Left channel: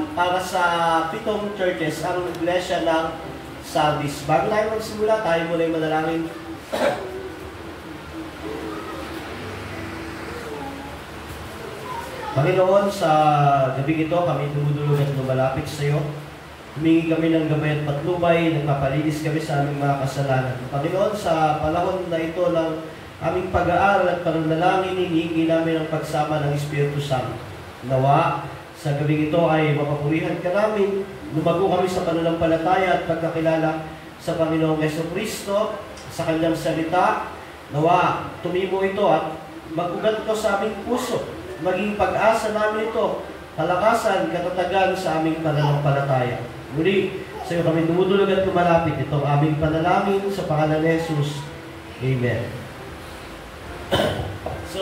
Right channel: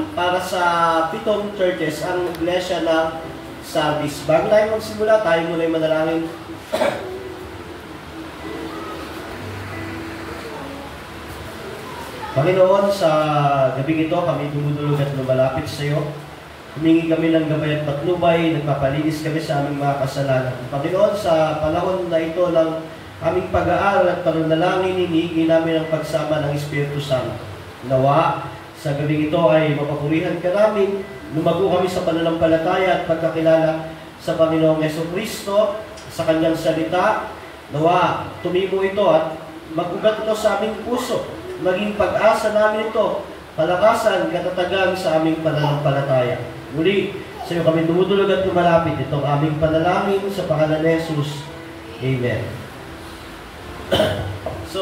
1 para sa 7 churches ang iglesia ng Sardis. Bago tayo magsimula, tayo muna yung manalangin. Panginoon, sa gabi ito, kami dumudulog at lumalapit sa iyo. Humingi kami ng gabay at patnubay, nagpapalinis kami sa aming mga kasalanan. Panginoon, sa panahon na ito ng aming pag-aaral at pananalangin, hinihingi namin ang pagsama ng Espiritu Santo. Nawa, sa gabi ito ay mapapurihan ka namin, lumago kami sa pananampalataya at pagkakilala sa Panginoong Jesucristo, sa Kanyang salita. Nawa, tumimo ito at mag-ugat ito sa aming puso. Maging pag-asa namin ito, palakasan, katatagan sa aming pananampalataya. Muli, sa iyo kami dumudulog at lumalapit itong aming panalangin sa pangalan ni Jesus. Amen. So,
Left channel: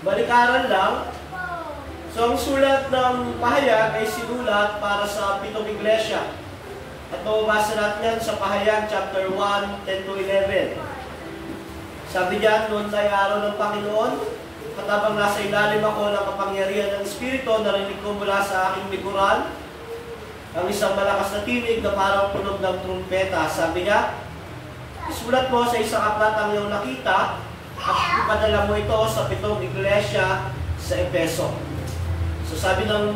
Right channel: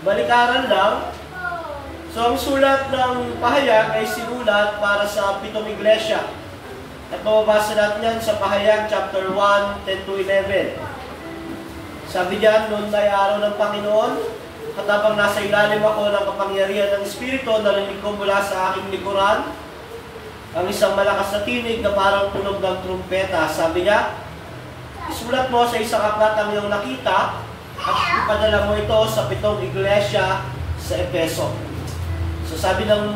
balikaran lang. So, ang sulat ng pahayag ay sinulat para sa 7 iglesia. At mababasa natin yan sa pahayag chapter 1, 10-11. Sabi diyan, noon ay araw ng Panginoon, at habang nasa ilalim ako ng kapangyarihan ng Espiritu, narinig ko mula sa aking likuran ang isang malakas na tinig na parang tunog ng trumpeta. Sabi niya, isulat mo sa isang aklat ang iyong nakita at ipadala mo ito sa 7 iglesia sa Efeso. So sabi ng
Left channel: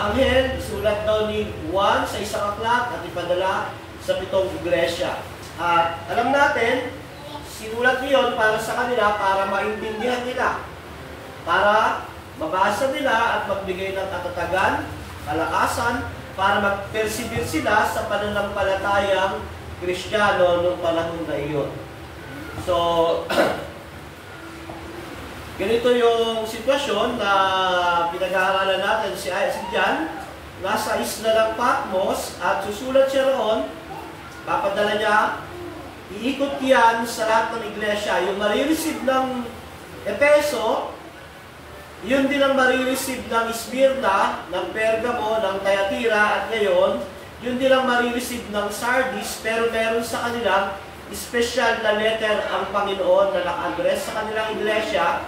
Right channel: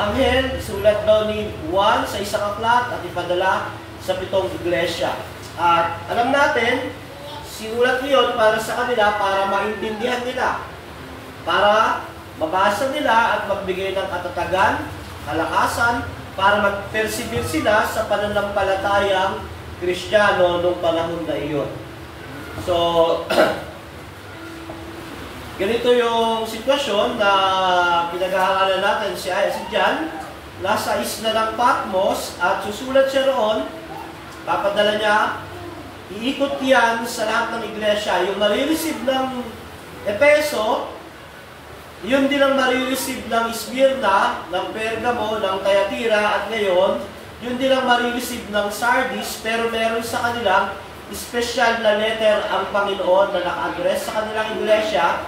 anghel, sulat daw ni Juan sa isang aklat at ipadala sa 7 iglesia. At alam natin, sinulat niyon para sa kanila para maintindihan nila, para mabasa nila at magbigay ng katatagan, kalakasan, para mag-persevere sila sa pananampalatayang Kristiyano noong panahon na iyon. So, ganito yung sitwasyon na pinag-aaralan natin si John. Nasa isla ng Patmos at susulat siya roon, papadala niya, iikot yan sa lahat ng iglesia. Yung marireceive ng Efeso, yun din ang marireceive ng Smyrna, ng Pergamo, ng Thyatira, at ngayon, yun din ang marireceive ng Sardis, pero meron sa kanilang special na letter ang Panginoon na naka-address sa kanilang iglesia,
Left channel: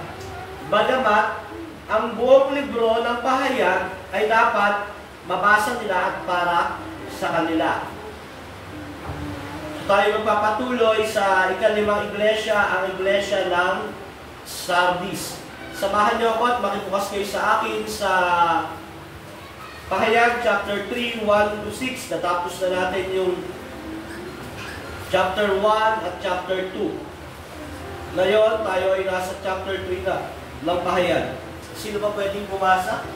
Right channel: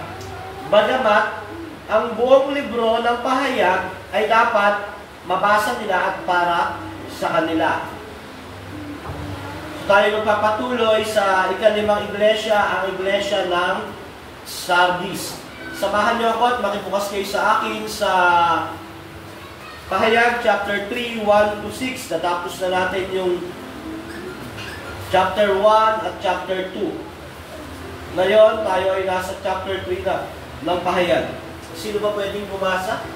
bagamat ang buong libro ng pahayag ay dapat mabasa nila at para sa kanila. So, tayo magpapatuloy sa ika-5 iglesia, ang iglesia ng Sardis. Samahan niyo ako at makibukas kayo sa akin sa Pahayag chapter 3, 1-6. Natapos na natin yung chapter 1 at chapter 2. Ngayon, tayo ay nasa chapter 3 na ng Pahayag. Sino ba pwedeng bumasa?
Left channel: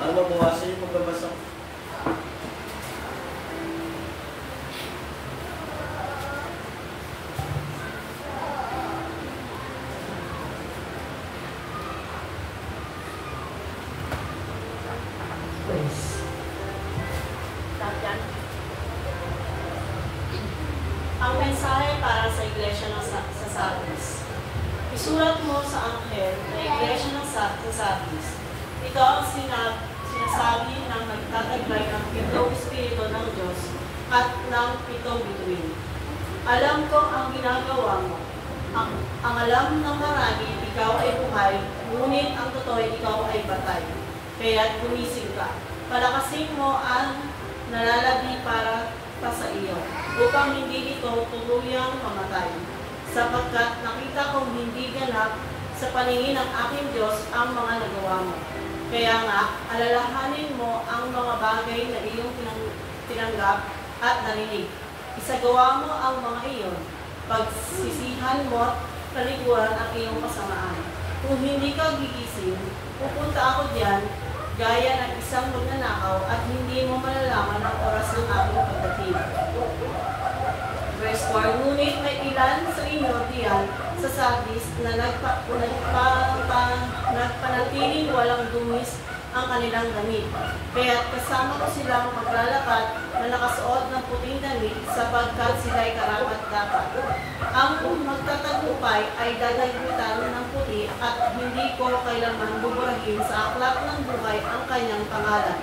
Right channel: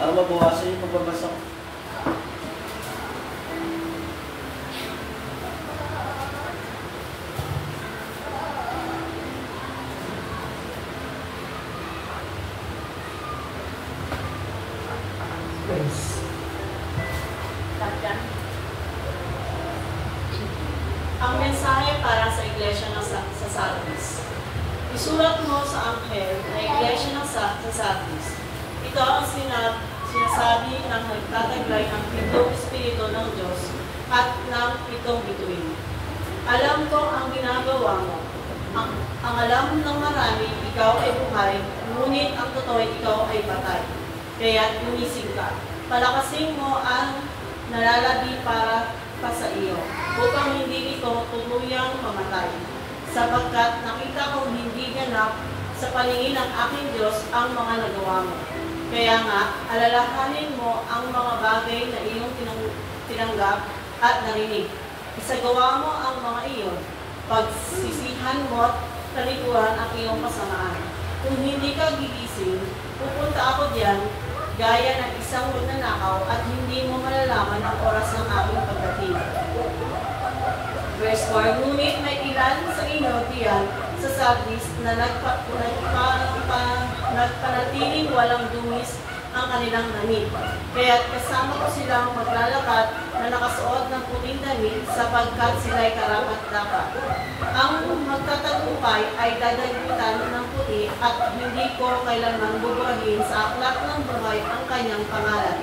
Ano mabawasan yung pagbabasa ko? Ang mensahe para sa iglesia sa Sardis. Isulat mo sa anghel na iglesia sa Sardis. Ito ang sinasabi ng nagtataglay ng 7 Espiritu ng Diyos at ng 7 bituin. Alam ko ang ginagawa mo. Ang alam ng marami, ikaw ay buhay, ngunit ang totoo ikaw ay patay. Kaya't gumising ka. Palakasin mo ang nalalabi para pa sa iyo, upang hindi ito tuluyang mamatay. Sapagkat nakita kong hindi ganap sa paningin ng aking Diyos ang mga nagawa mo. Kaya nga, alalahanin mo ang mga bagay na iyong tinanggap at narinig. Isagawa mo ang mga iyon. Pagsisihan mo at talikuran ang iyong kasamaan. Kung hindi ka gigising, pupunta ako diyan gaya ng isang magnanakaw at hindi mo malalaman ang oras ng aking pagdating. Verse 4, ngunit may ilan sa inyo diyan sa Sardis na nagpanatiling walang dumis ang kanilang damit. Kaya't kasama ko silang maglalakad na nakasuot ng puting damit sapagkat sila'y karapat-dapat. Ang magtatagumpay ay dadagutan ng puti at hindi ko kailanman buburahin sa aklat ng buhay ang kanyang pangalan.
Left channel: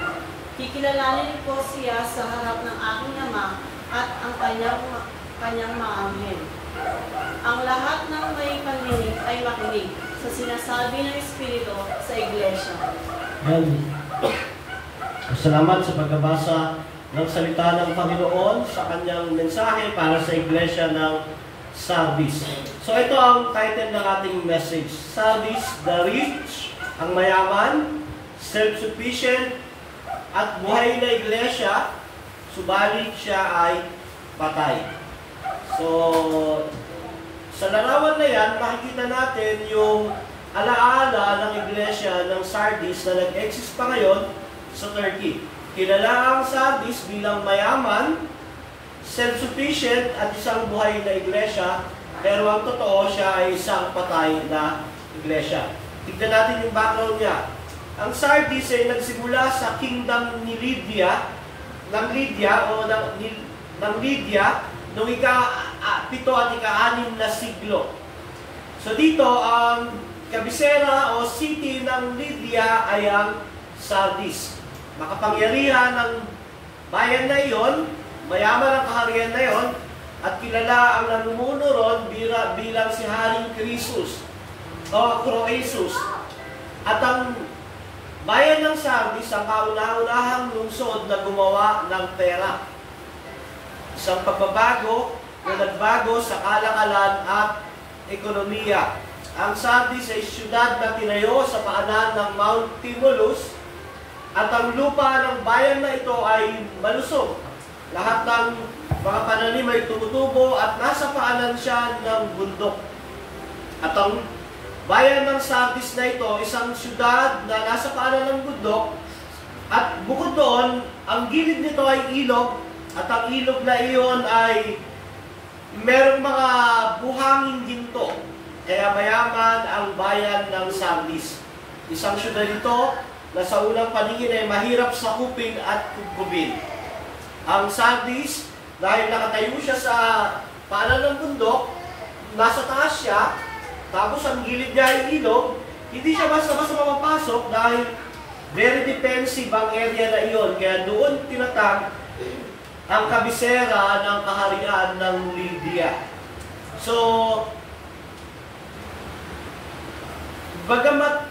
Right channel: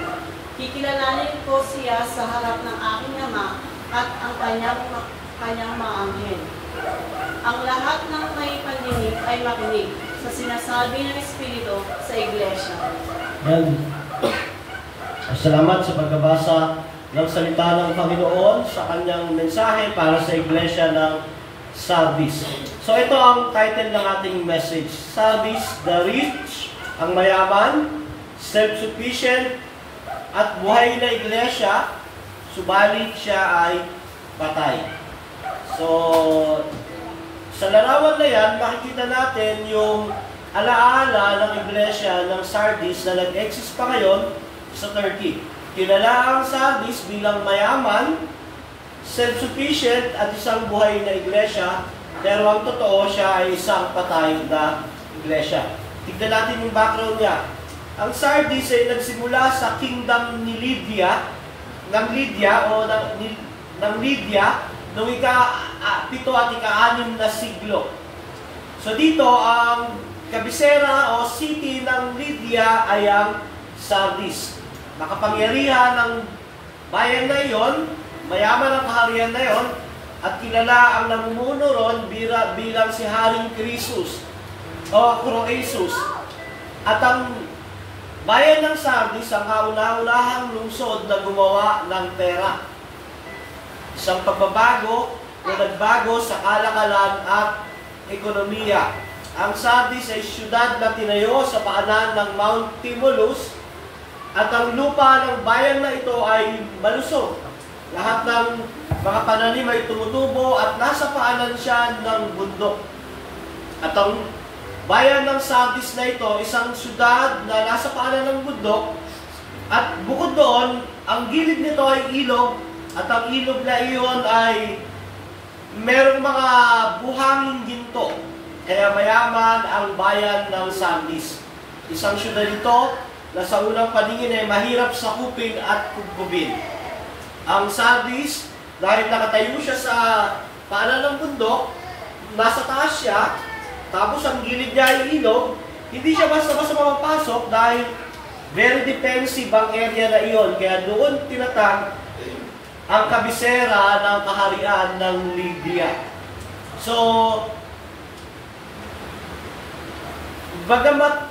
Kikilalanin ko siya sa harap ng aking Ama at ang kanyang mga anghel. Ang lahat ng may pandinig ay makinig. sa sinasabi ng Espiritu sa iglesia. Yan. Salamat sa pagbabasa ng salita ng Panginoon sa kanyang mensahe para sa iglesia ng Sardis. So ito ang title ng ating message. Sardis, the rich, ang mayaman, self-sufficient, at buhay na iglesia, subalit siya ay patay. So, sa larawan na yan, makikita natin yung alaala ng iglesia ng Sardis na nag-exist pa ngayon sa Turkey. Kilala ang Sardis bilang mayaman, self-sufficient at isang buhay na iglesia, pero ang totoo siya ay isang patay na iglesia. Tignan natin yung background niya. Ang Sardis ay nagsimula sa kingdom ni Lydia, ng Lydia, noong ika-7 at ika-6 na siglo. So dito, ang kabisera o city ng Lydia ay ang Sardis. Makapangyarihan ng bayan na iyon, mayaman ang kaharian na iyon, at kilala ang namumuno ron bilang si Haring Croesus o Croesus. At ang bayan ng Sardis ang kauna-unahang lungsod na gumawa ng pera. Isang pagbabago na nagbago sa kalakalan at ekonomiya. Ang Sardis ay siyudad na tinayo sa paanan ng Mount Tmolus at ang lupa ng bayan na ito ay malusog. Lahat ng mga pananim ay tumutubo at nasa paanan siya ng bundok. At ang bayan ng Sardis na ito, isang siyudad na nasa paanan ng bundok, at bukod doon, ang gilid nito ay ilog, at ang ilog na iyon ay merong mga buhangin ginto. Kaya mayaman ang bayan ng Sardis. Isang siyudad ito na sa unang paningin ay mahirap sakupin at kubkubin. Ang Sardis, dahil nakatayo siya sa paanan ng bundok, nasa taas siya, tapos ang gilid niya ay ilog, hindi siya basta-basta mapapasok dahil very defensive ang area na iyon. Kaya doon tinatag ang kabisera ng kaharian ng Lydia. So, bagamat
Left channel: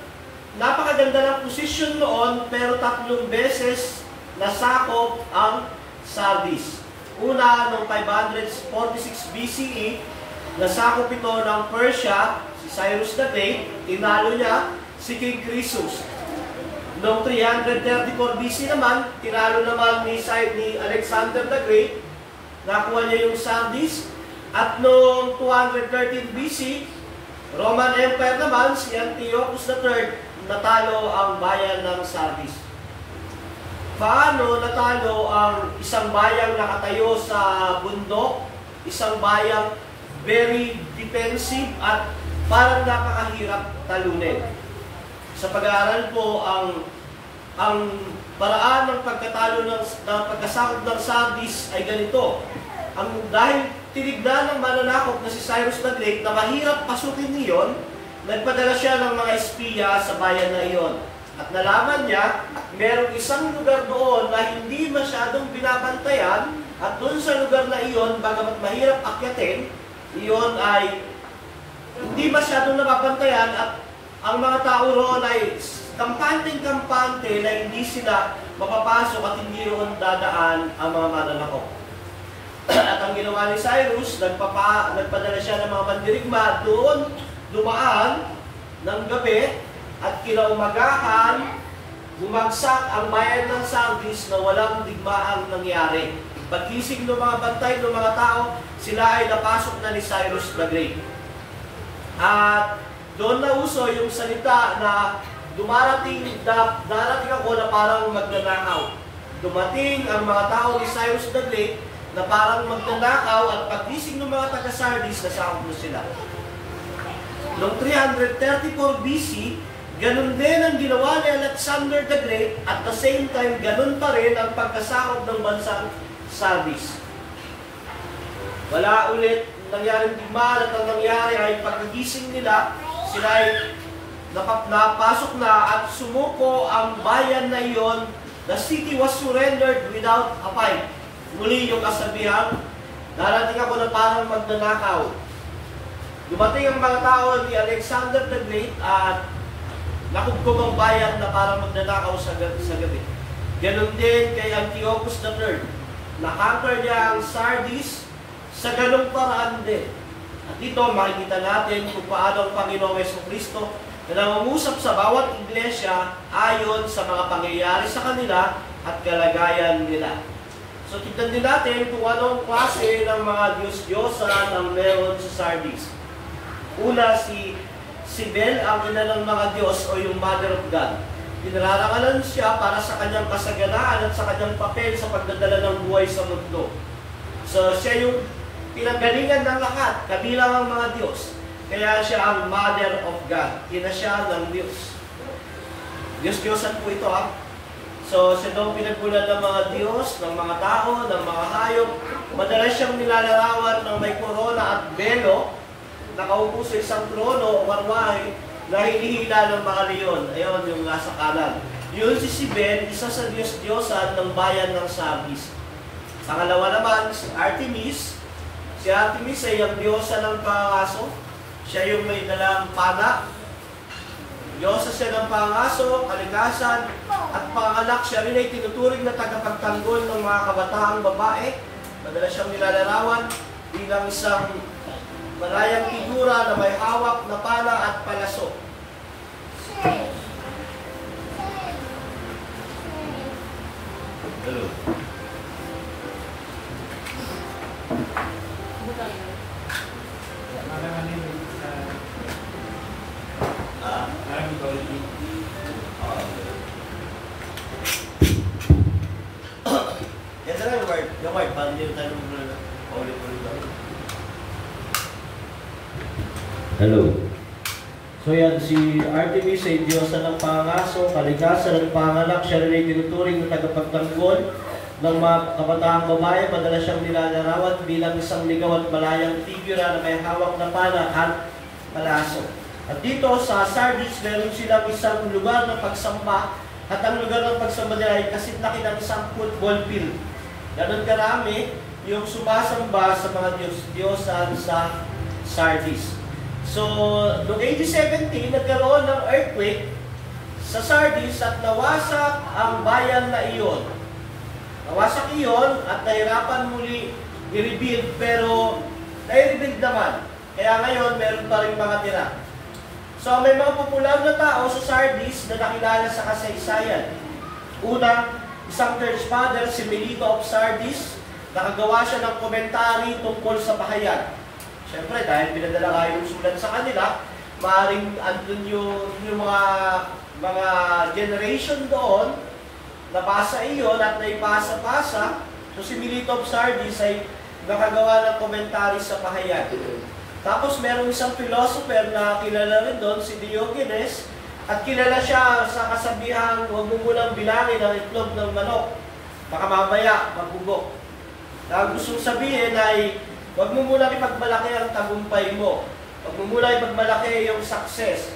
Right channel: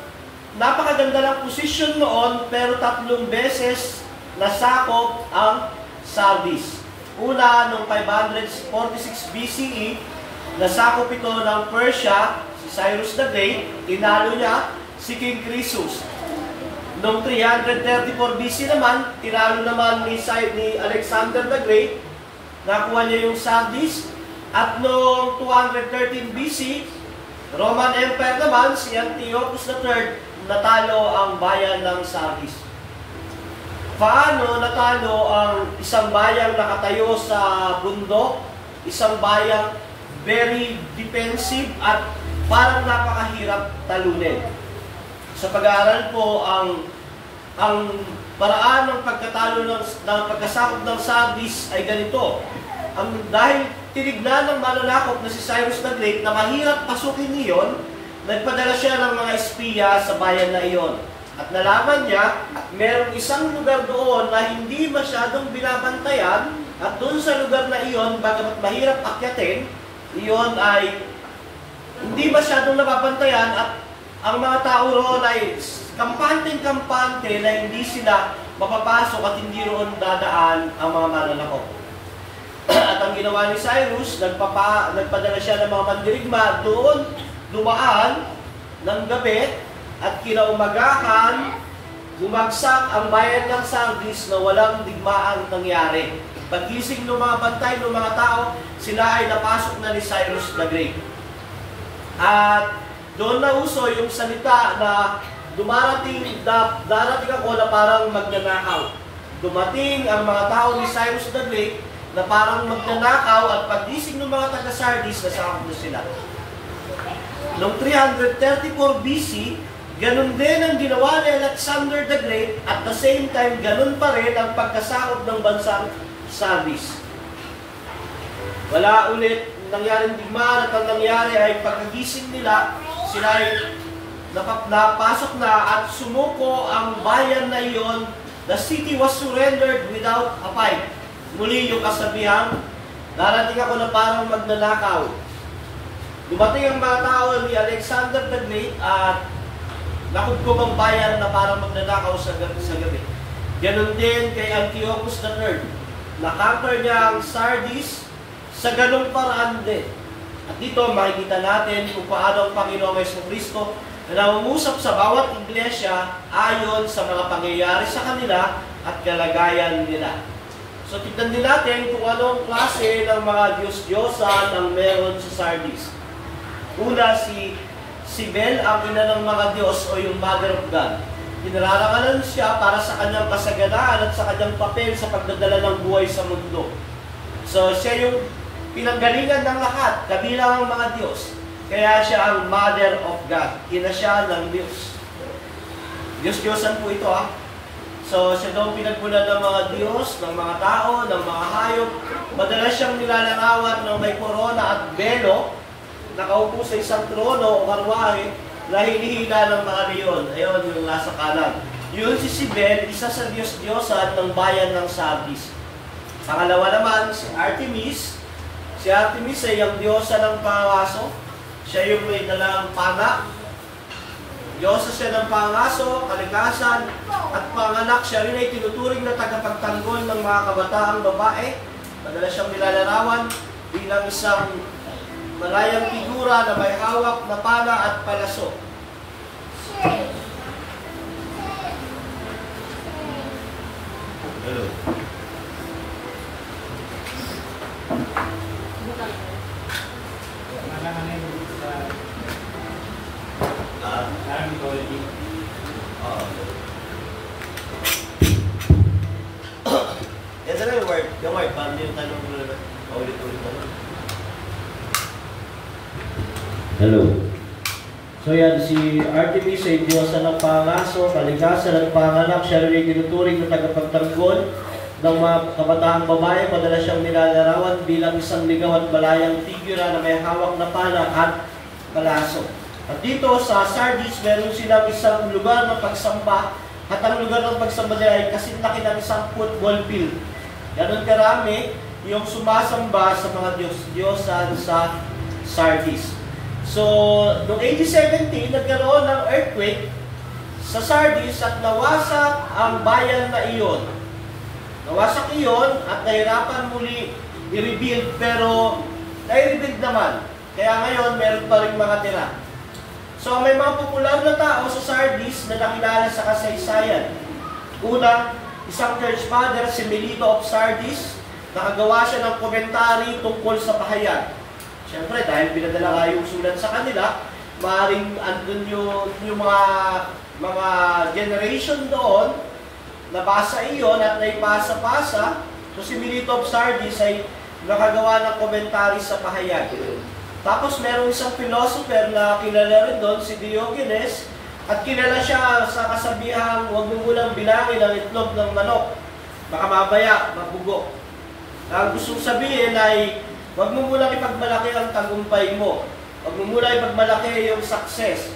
napakaganda ng posisyon noon, pero 3 beses nasakop ang Sardis. Una, noong 546 BCE, nasakop ito ng Persia, si Cyrus the Great, tinalo niya si King Croesus. Noong 334 BC naman, tinalo naman ni Alexander the Great, nakuha niya yung Sardis. At noong 213 BC, Roman Empire naman, si Antiochus III, natalo ang bayan ng Sardis. Paano natalo ang isang bayang nakatayo sa bundok, isang bayang very defensive at parang napakahirap talunin? Sa pag-aaral po, ang paraan ng pagkatalo ng pagkasakop ng Sardis ay ganito. Dahil tinignan ng mananakop na si Cyrus the Great na mahirap pasukin niyon, nagpadala siya ng mga espiya sa bayan na iyon. At nalaman niya, merong isang lugar doon na hindi masyadong binabantayan, at doon sa lugar na iyon, bagamat mahirap akyatin, iyon ay hindi masyadong nababantayan, at ang mga tao roon ay kampante-kampante na hindi sila mapapasok at hindi roon dadaan ang mga mananakop. At ang ginawa ni Cyrus, nagpadala siya ng mga mandirigma doon, dumaan ng gabi, at kinaumagahan, bumagsak ang bayan ng Sardis na walang digmaang nangyari. Paggising ng mga bantay ng mga tao, sila ay napasok na ni Cyrus the Great. At doon na uso yung salita na darating ako na parang magnanakaw. Dumating ang mga tao ni Cyrus the Great na parang magnanakaw, at paggising ng mga taga-Sardis, nasakop na sila. Noong 334 BC, ganun din ang ginawa ni Alexander the Great, at the same time, ganun pa rin ang pagkasakop ng bansang Sardis. Wala ulit nangyaring digmaan, at ang nangyari ay pagkagising nila, sila ay napasok na at sumuko ang bayan na iyon. The city was surrendered without a fight. Muli yung kasabihan, darating ako na parang magnanakaw. Dumating ang mga tao ni Alexander the Great at nakubkob ang bayan na para magnanakaw sa gabi. Ganon din kay Antiochus III. Nakonquer niya ang Sardis sa ganong paraan din. At dito makikita natin kung paano ang Panginoong Jesucristo na nangungusap sa bawat iglesia ayon sa mga pangyayari sa kanila at kalagayan nila. So tignan din natin kung anong klase ng mga Diyos-Diyosan ang meron sa Sardis. Una, si Bel, ang ina ng mga Diyos o yung Mother of God. Tinararangalan siya para sa kanyang kasaganaan at sa kanyang papel sa pagdadala ng buhay sa mundo. So siya yung pinanggalingan ng lahat, kabilang ang mga Diyos. Kaya siya ang Mother of God. Ina siya ng Diyos. Diyos-Diyosan po ito So siya daw pinagbulan ng mga Diyos, ng mga tao, ng mga hayop. Madalas siyang nilalarawan ng may korona at belo, nakaupo sa isang trono o karwahe na hinihila ng mga leon. Ayun, yung nasa kanan. Yun si Sibel, isa sa Diyos-Diyosan ng bayan ng Sardis. Pangalawa naman, si Artemis. Si Artemis ay ang diyosa ng pangaso. Siya yung may dalang pana. Diyosa siya ng pangaso, kalikasan, at panganak. Siya rin ay tinuturing na tagapagtanggol ng mga kabataang babae. Madalas siyang nilalarawan bilang isang malayang figura na may hawak na pala at palaso. Hello. Yan na lang yung word. Paano yung tanong mo na paulit-ulit ako? Hello. So yan, si Artemis ay diyosa ng pangaso, kalikasan ng panganak. Siya rin ay tinuturing na tagapagtanggol ng mga kabataang babae. Madalas siyang nilalarawan bilang isang ligaw at malayang figura na may hawak na pala at palaso. At dito sa Sardis, meron silang isang lugar ng pagsamba. At ang lugar ng pagsamba nila ay kasinlaki ng isang football field. Ganon karami yung sumasamba sa mga Diyos-Diyosan sa Sardis. So, noong AD 17, nagkaroon ng earthquake sa Sardis at nawasak ang bayan na iyon. Nawasak iyon at nahirapan muli i-rebuild, pero nai-rebuild naman. Kaya ngayon, meron pa rin mga tira. So, may mga popular na tao sa Sardis na nakilala sa kasaysayan. Una, isang church father, si Melito of Sardis, nakagawa siya ng komentary tungkol sa pahayag. Siyempre, dahil pinadala nga yung sulat sa kanila, maaaring andun yung mga generation doon, nabasa iyon at naipasa-pasa. So si Melito of Sardis ay nakagawa ng komentary sa pahayag. Tapos merong isang philosopher na kilala rin doon, si Diogenes, at kilala siya sa kasabihang huwag mo munang bilangin ang itlog ng manok, baka mamaya mabugo. Ang gustong sabihin ay huwag mo munang ipagmalaki ang tagumpay mo. Huwag mo munang ipagmalaki yung success.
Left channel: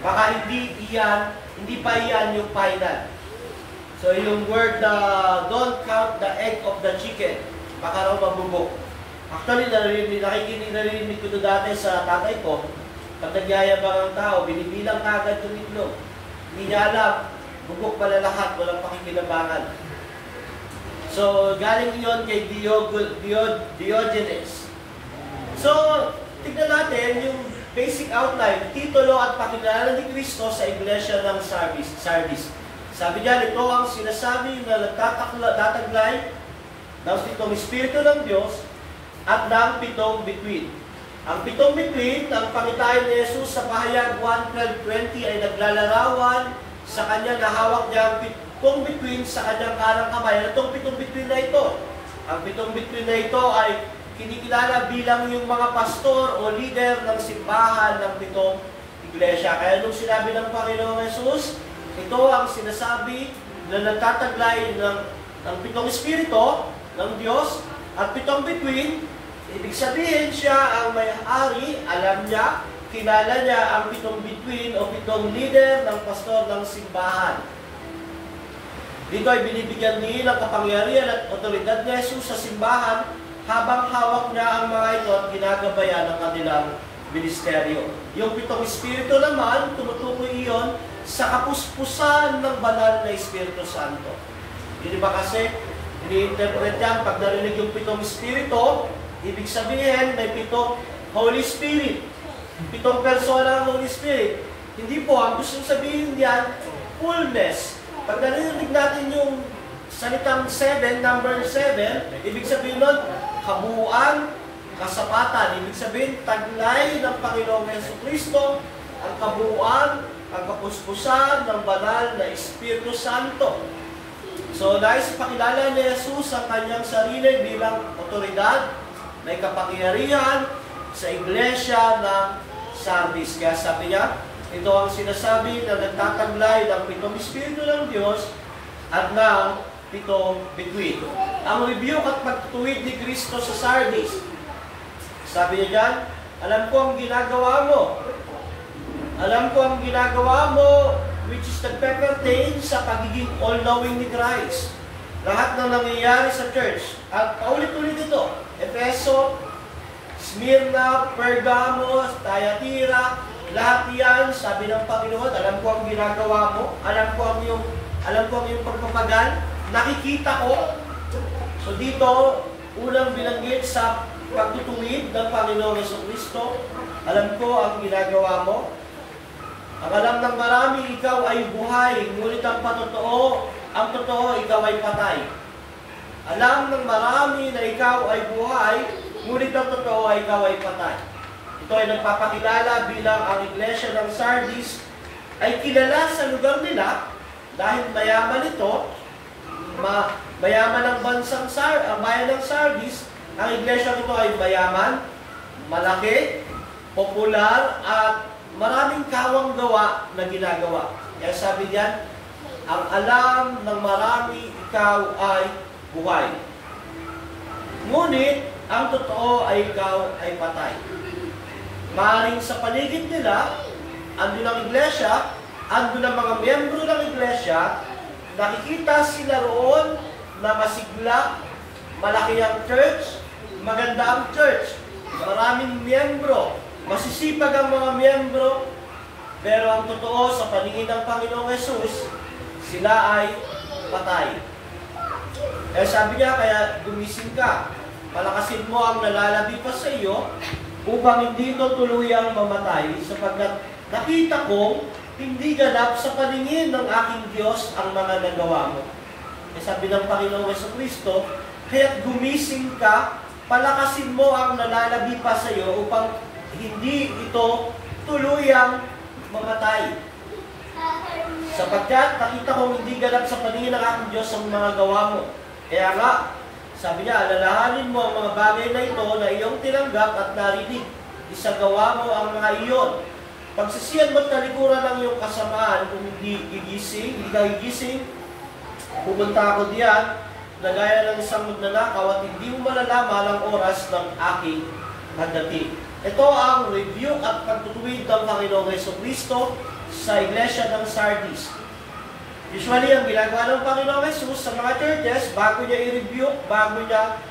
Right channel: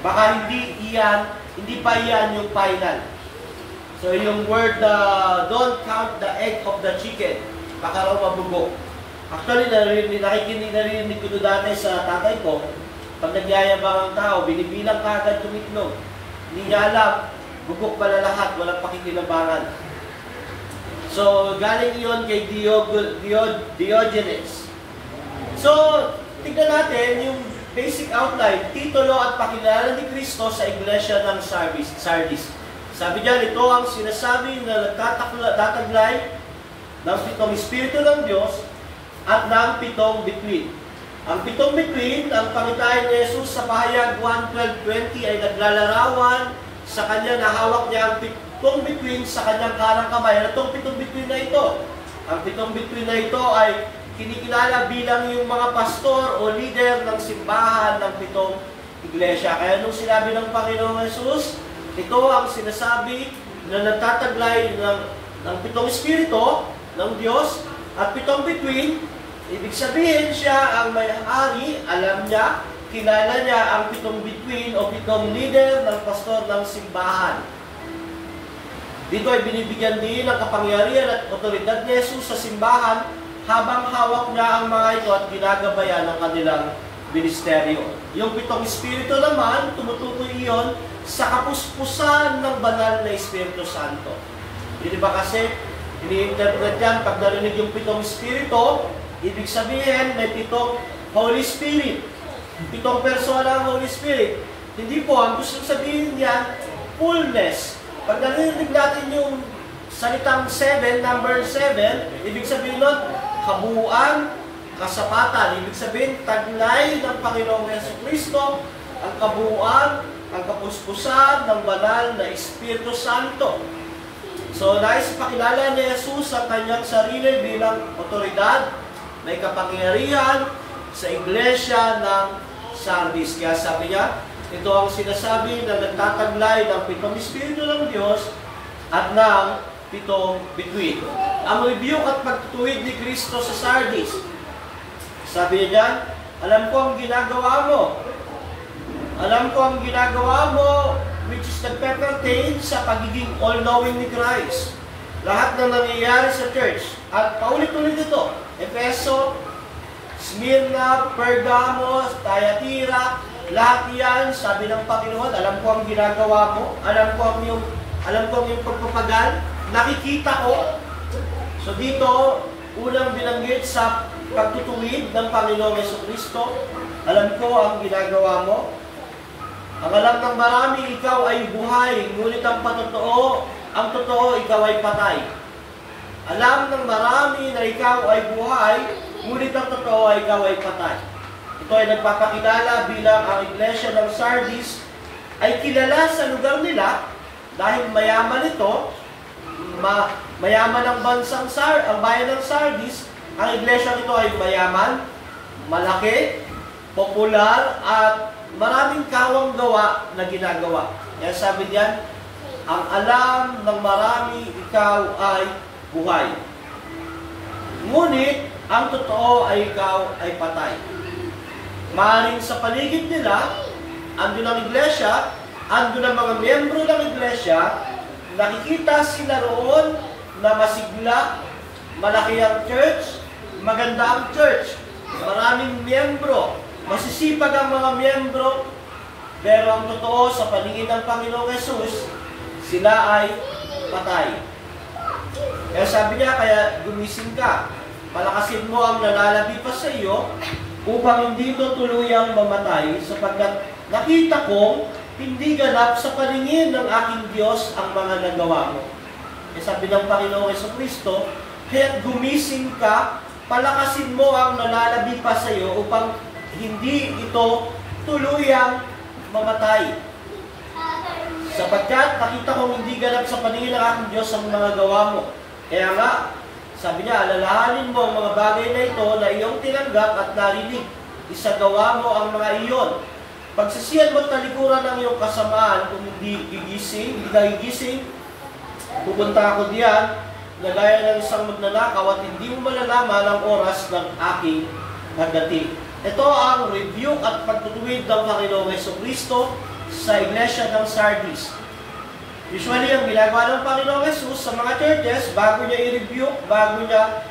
Baka hindi pa iyan yung final. So yung word don't count the egg of the chicken, baka raw mabugo. Actually, narinig ko dati sa tatay ko, pag nagyayabang ang tao, binibilang kagad yung itlog. Hindi niya alam, bugok pala lahat, walang pakikinabangan. So, galing iyon kay Diogenes. So, tignan natin yung basic outline, titulo at pakilala ni Kristo sa iglesia ng Sardis. Sabi niya, ito ang sinasabi na nagtataglay ng 7 Espiritu ng Diyos at ng 7 bituin. Ang 7 bituin, ang pangitain ni Jesus sa pahayag 1:12-20 ay naglalarawan sa kanya na hawak niya ang 7 bituin sa kanyang kanang kamay. At itong 7 bituin na ito, ang 7 bituin na ito ay kinikilala bilang yung mga pastor o leader ng simbahan ng 7 iglesia. Kaya nung sinabi ng Panginoong Jesus, ito ang sinasabi na nagtataglay ng 7 Espiritu ng Diyos at 7 bituin. Ibig sabihin siya ang may-ari, alam niya, kilala niya ang 7 bituin o 7 leader ng pastor ng simbahan. Dito ay binibigyan din ng kapangyarihan at otoridad ni Jesus sa simbahan habang hawak niya ang mga ito at ginagabayan ng kanilang ministeryo. Yung 7 Espiritu naman, tumutukoy iyon sa kapuspusan ng banal na Espiritu Santo. Hindi ba kasi, ini-interpret yan, pag narinig yung 7 Espiritu, ibig sabihin, may 7 Holy Spirit. 7 persona ang Holy Spirit. Hindi po, ang gusto sabihin yan, fullness. Pag narinig natin yung salitang 7, number 7, ibig sabihin nun, kabuuan, kasapatan. Ibig sabihin, taglay ng Panginoong Jesucristo, ang kabuuan, ang kapuspusan ng banal na Espiritu Santo. So, nais ipakilala ni Jesus ang kanyang sarili bilang otoridad, may kapangyarihan sa iglesia ng Sardis. Kaya sabi niya, ito ang sinasabi na nagtataglay ng 7 Espiritu ng Diyos at ng 7 bituin. Ang rebuke at pagtutuwid ni Kristo sa Sardis. Sabi niya dyan, alam ko ang ginagawa mo. Alam ko ang ginagawa mo, which is nagpe-pertain sa pagiging all-knowing ni Christ. Lahat na nangyayari sa church. At paulit-ulit ito. Efeso, Smyrna, Pergamo, Thyatira, lahat yan, sabi ng Panginoon, alam ko ang ginagawa mo, alam ko ang iyong pagpapagal, nakikita ko. So dito, unang binanggit sa pagtutuwid ng Panginoong Jesucristo, alam ko ang ginagawa mo. Ang alam ng marami, ikaw ay buhay, ngunit ang totoo, ikaw ay patay. Alam ng marami na ikaw ay buhay, ngunit ang totoo ay ikaw ay patay. Ito ay nagpapakilala bilang ang iglesia ng Sardis ay kilala sa lugar nila dahil mayaman ito, mayaman ang ang bayan ng Sardis. Ang iglesia ito ay mayaman, malaki, popular, at maraming kawang gawa na ginagawa. Kaya sabi diyan, ang alam ng marami, ikaw ay buhay. Ngunit, ang totoo ay ikaw ay patay. Maaaring sa paligid nila, andun ang iglesia, andun ang mga miyembro ng iglesia, nakikita sila roon na masigla, malaki ang church, maganda ang church, maraming miyembro, masisipag ang mga miyembro, pero ang totoo sa paningin ng Panginoong Jesus, sila ay patay. Kaya sabi niya, kaya gumising ka, palakasin mo ang nalalabi pa sa iyo, upang hindi ito tuluyang mamatay, sapagkat nakita kong hindi ganap sa paningin ng aking Diyos ang mga nagawa mo. Kaya sabi ng Panginoong Jesucristo, kaya't gumising ka, palakasin mo ang nalalabi pa sa iyo, upang hindi ito tuluyang mamatay. Sapagkat nakita kong hindi ganap sa paningin ng aking Diyos ang mga gawa mo. Kaya nga, sabi niya, alalahanin mo ang mga bagay na ito na iyong tinanggap at narinig. Isagawa mo ang mga iyon. Pagsasiyan mo at talikuran ng iyong kasamaan, kung hindi ka gigising, pupunta ako diyan, na gaya ng isang magnanakaw at hindi mo malalaman ang oras ng aking pagdating. Ito ang review at pagtutuwid ng Panginoong Jesucristo sa iglesia ng Sardis. Usually, ang ginagawa ng Panginoong Jesus sa mga churches, bago niya i-review, bago niya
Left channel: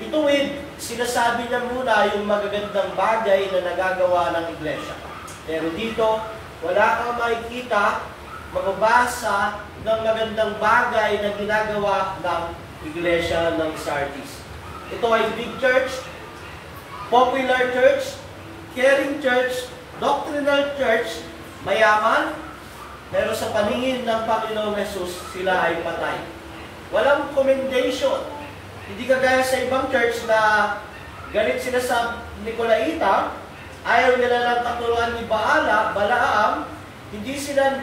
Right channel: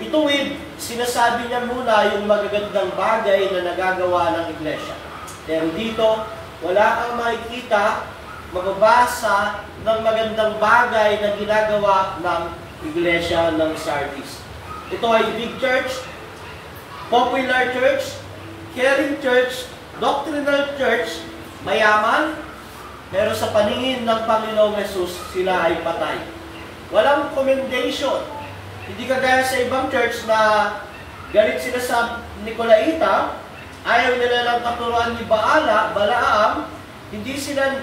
ituwid, sinasabi niya muna yung magagandang bagay na nagagawa ng iglesia. Pero dito, wala kang makikita, mababasa ng magandang bagay na ginagawa ng iglesia ng Sardis. Ito ay big church, popular church, caring church, doctrinal church, mayaman, pero sa paningin ng Panginoong Jesus, sila ay patay. Walang commendation. Hindi kagaya sa ibang church na galit sila sa Nicolaita, ayaw nila ng katuruan ni Balaam, hindi sila,